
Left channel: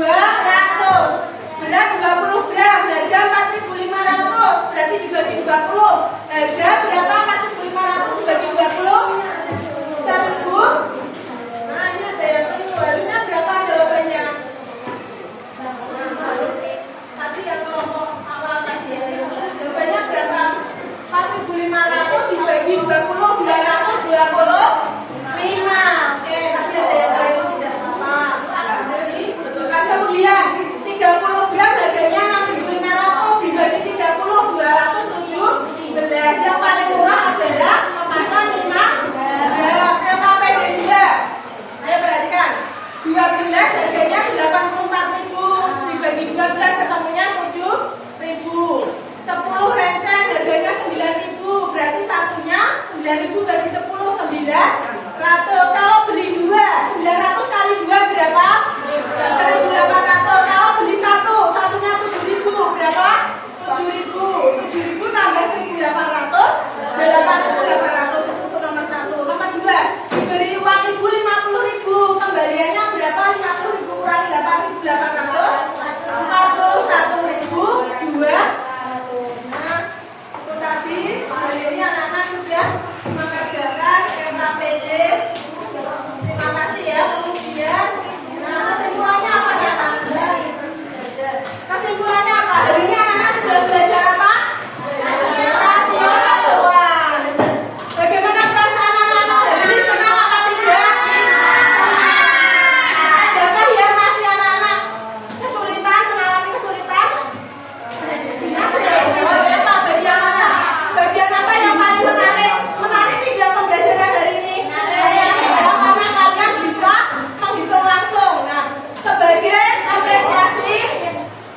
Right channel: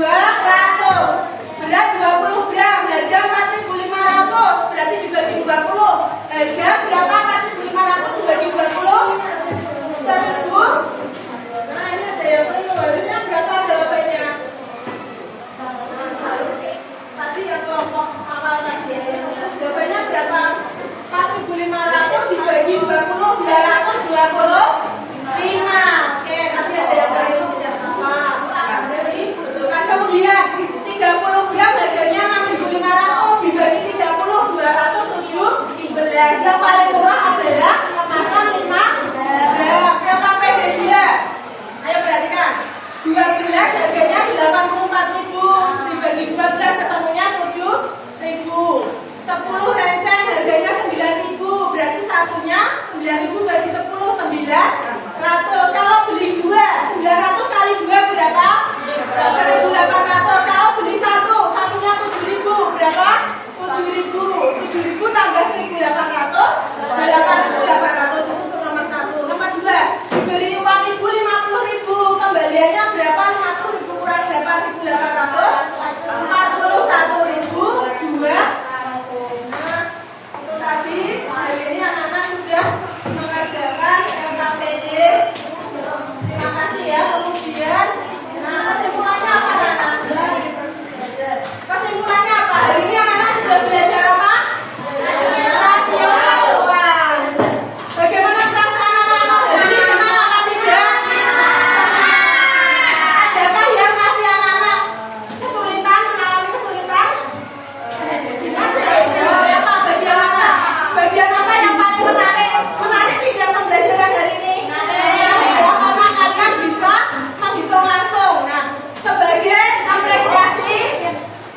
Berat 20 gram, harga 4.500. Berarti dibagi 20. Harga berapa? 4.500 dibagi 20. 1.000. Nah, ini ada yang itu. Harusnya berapa jawabannya? Tadi yang kelompok awal tadi. Jawabannya berapa? 4.500 dibagi 20. 225. Oke, tadi ada yang lain tidak sama. Betul kan? Kemudian 30 gram harganya 6.500 dibagi 30 217. Yang paling murah adalah kemasan 5 gram. LKPD dia. Ayo perhatikan. 12 harganya 84.000 dibagi 12 ketemunya 7.000. 10 renceng harganya 9.000, berarti satunya 9.000 bagi 10 900. Kalau beli 2 900 kali 2 berapa? 1.800. Kalau beli satunya 7.000 berapa? 7.000. 7.000 tambah 1.800 8.800. Itu untuk nomor 1. Nomor 2 diberi uang ibu 50.000, kembaliannya berapa? 50.000 kurangi 8.800 41.000 2. Tadi hari ini anak-anak sudah mengerjakan LKPD. Terima kasih ya. Kemudian, kesimpulannya apa anak-anak? Kesimpulannya apa? Hari ini anak-anak sudah belajar apa? Rasioan. Bagaimana perasaan anak-anak hari ini? Senang apa tidak? Adakah yang masih anak-anak kesulitan, mengalami kesulitan? Bagian apa yang paling menarik? Menarik tidak pembelajaran hari ini? Karena kalian bisa menghitung langsung. Nah, sebagai apresiasi,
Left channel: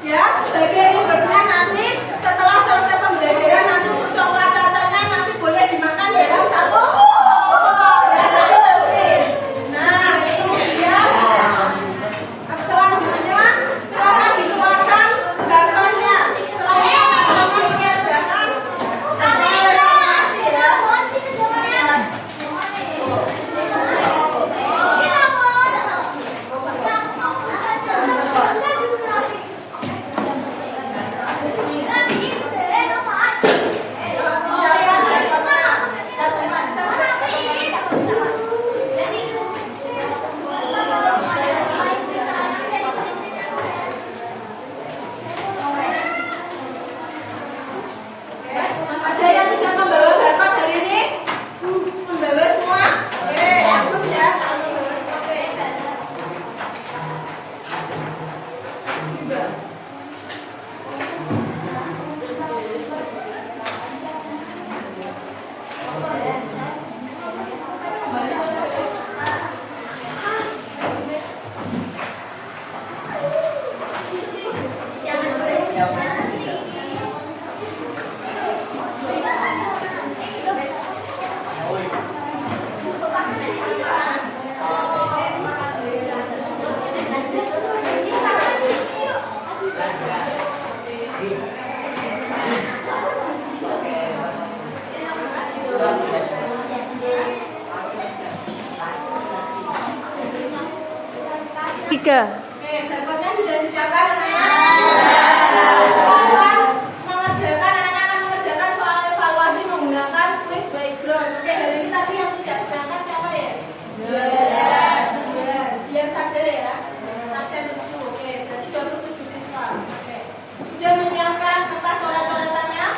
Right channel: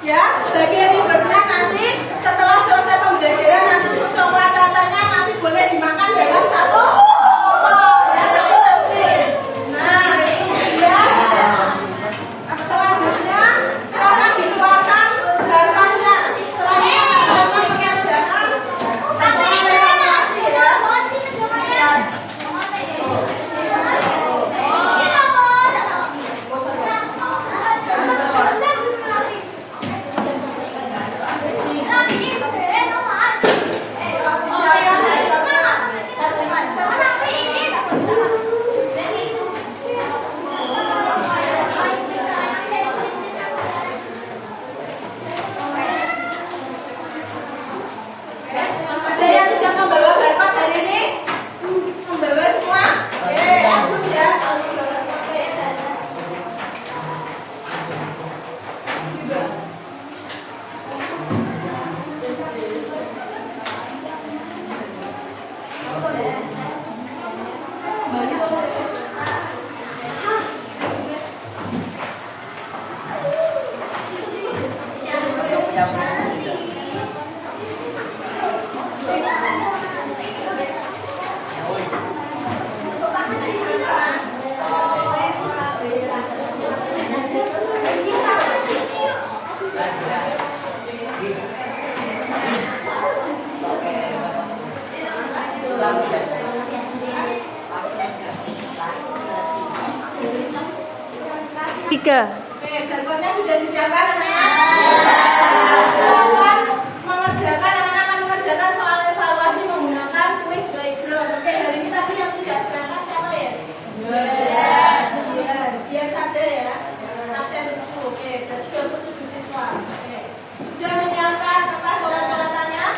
ya, sebagai rewardnya nanti setelah selesai pembelajaran nanti untuk coklat-coklatnya nanti boleh dimakan dalam satu. Ya, tapi nanti. Nah, kemudian selanjutnya silakan dikeluarkan gambarnya. Ada yang tidak membawa barcode hari ini? Membawa semua? Oke, bagus ya. Tiga. Oke, barcode-nya sudah disiapkan anak-anak. Anak-anak akan mengerjakan soal evaluasi menggunakan quiz background. Oke, hari ini tadi yang tidak berangkat siapa ya? Biar saja ya. Absen 7. Oke, berarti 27 siswa. Oke. Sudah menyiapkan kertas coret-coretannya?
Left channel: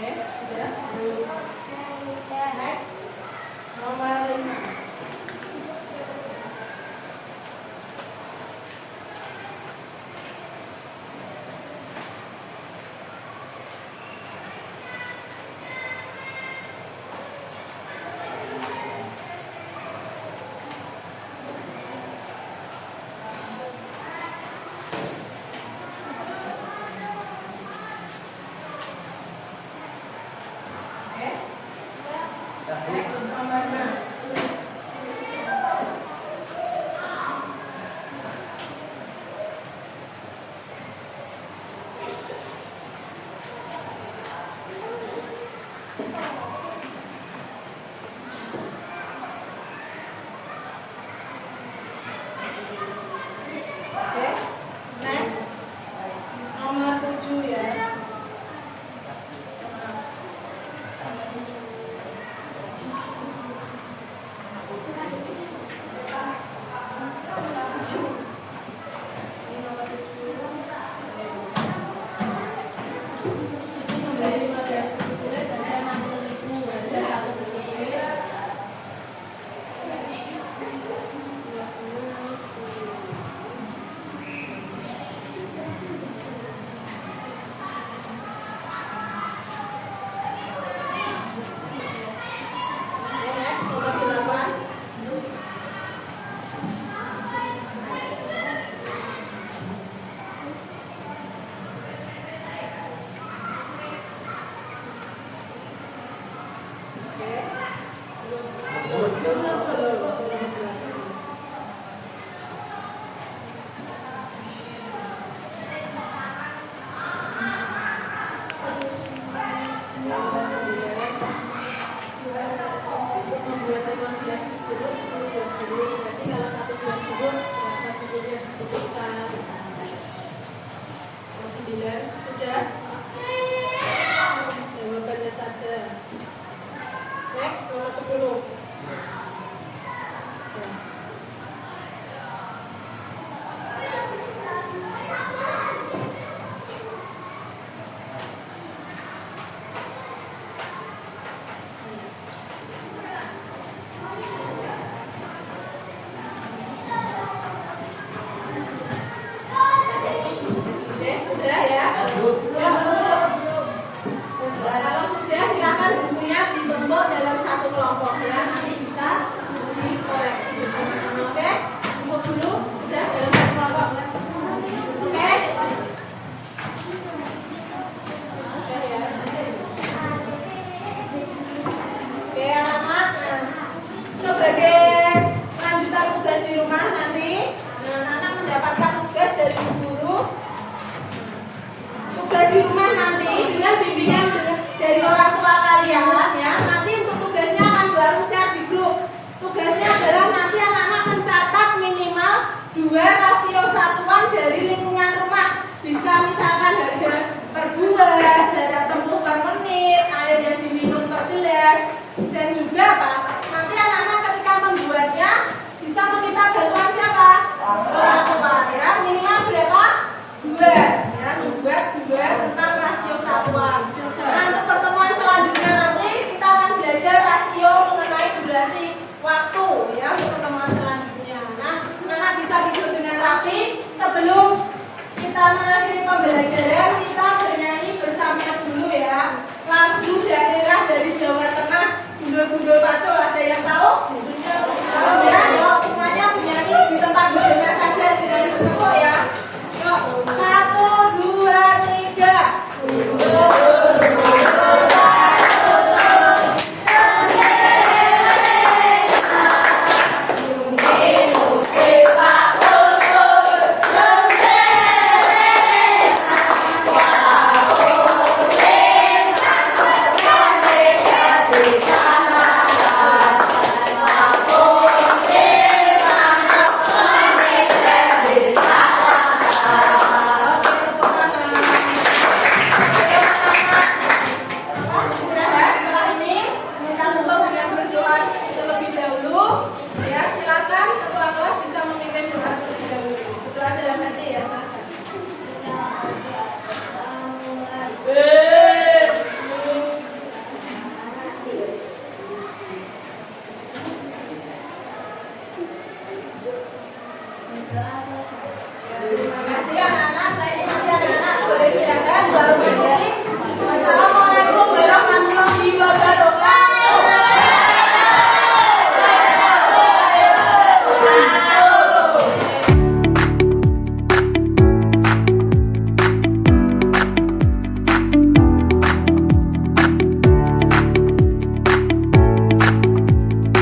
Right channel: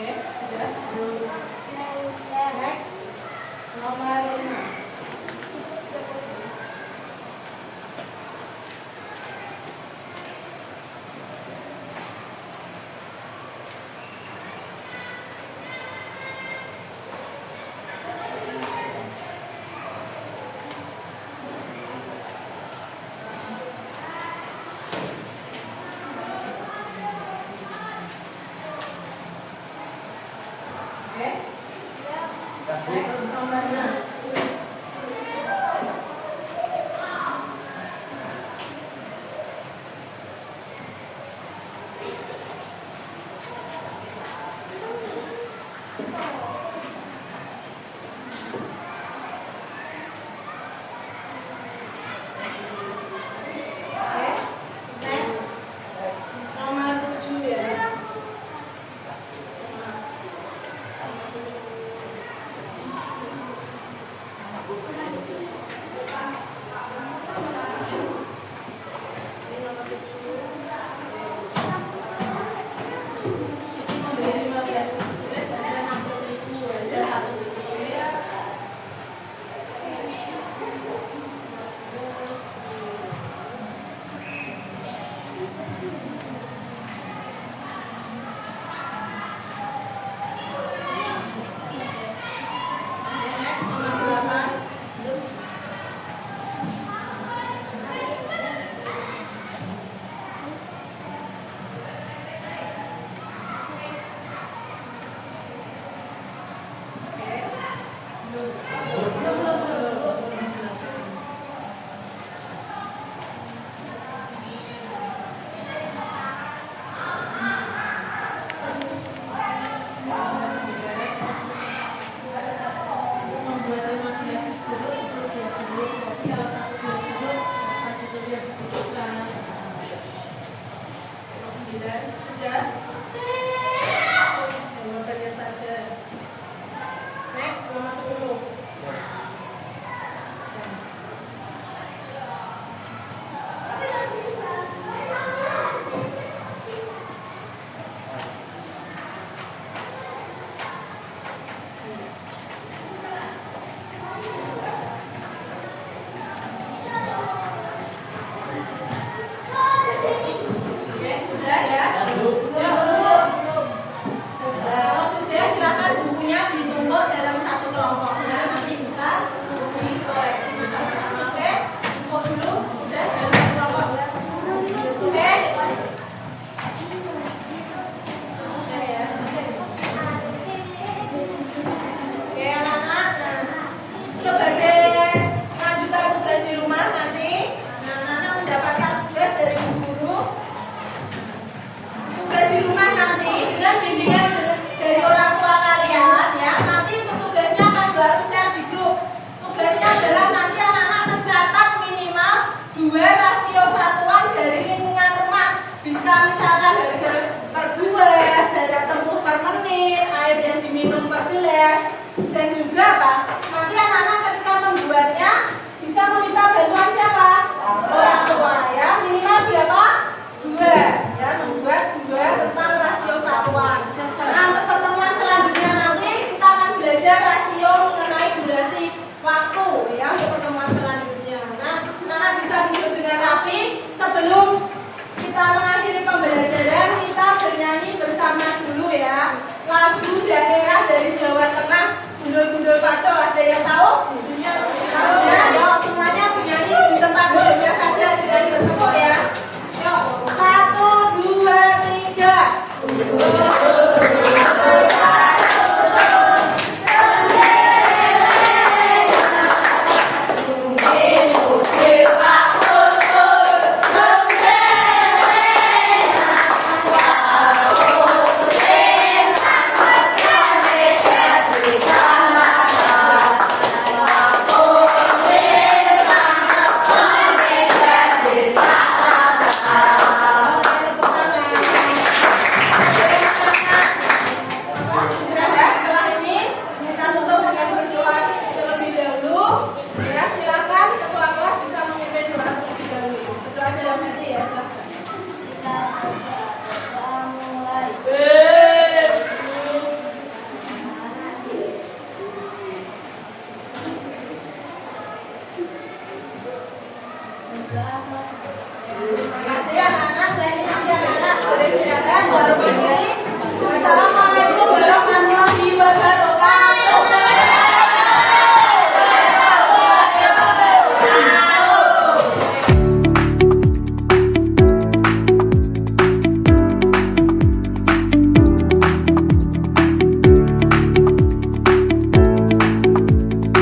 Oke, sudah. Next. Nomor 5. Oke. Next, nomor 6.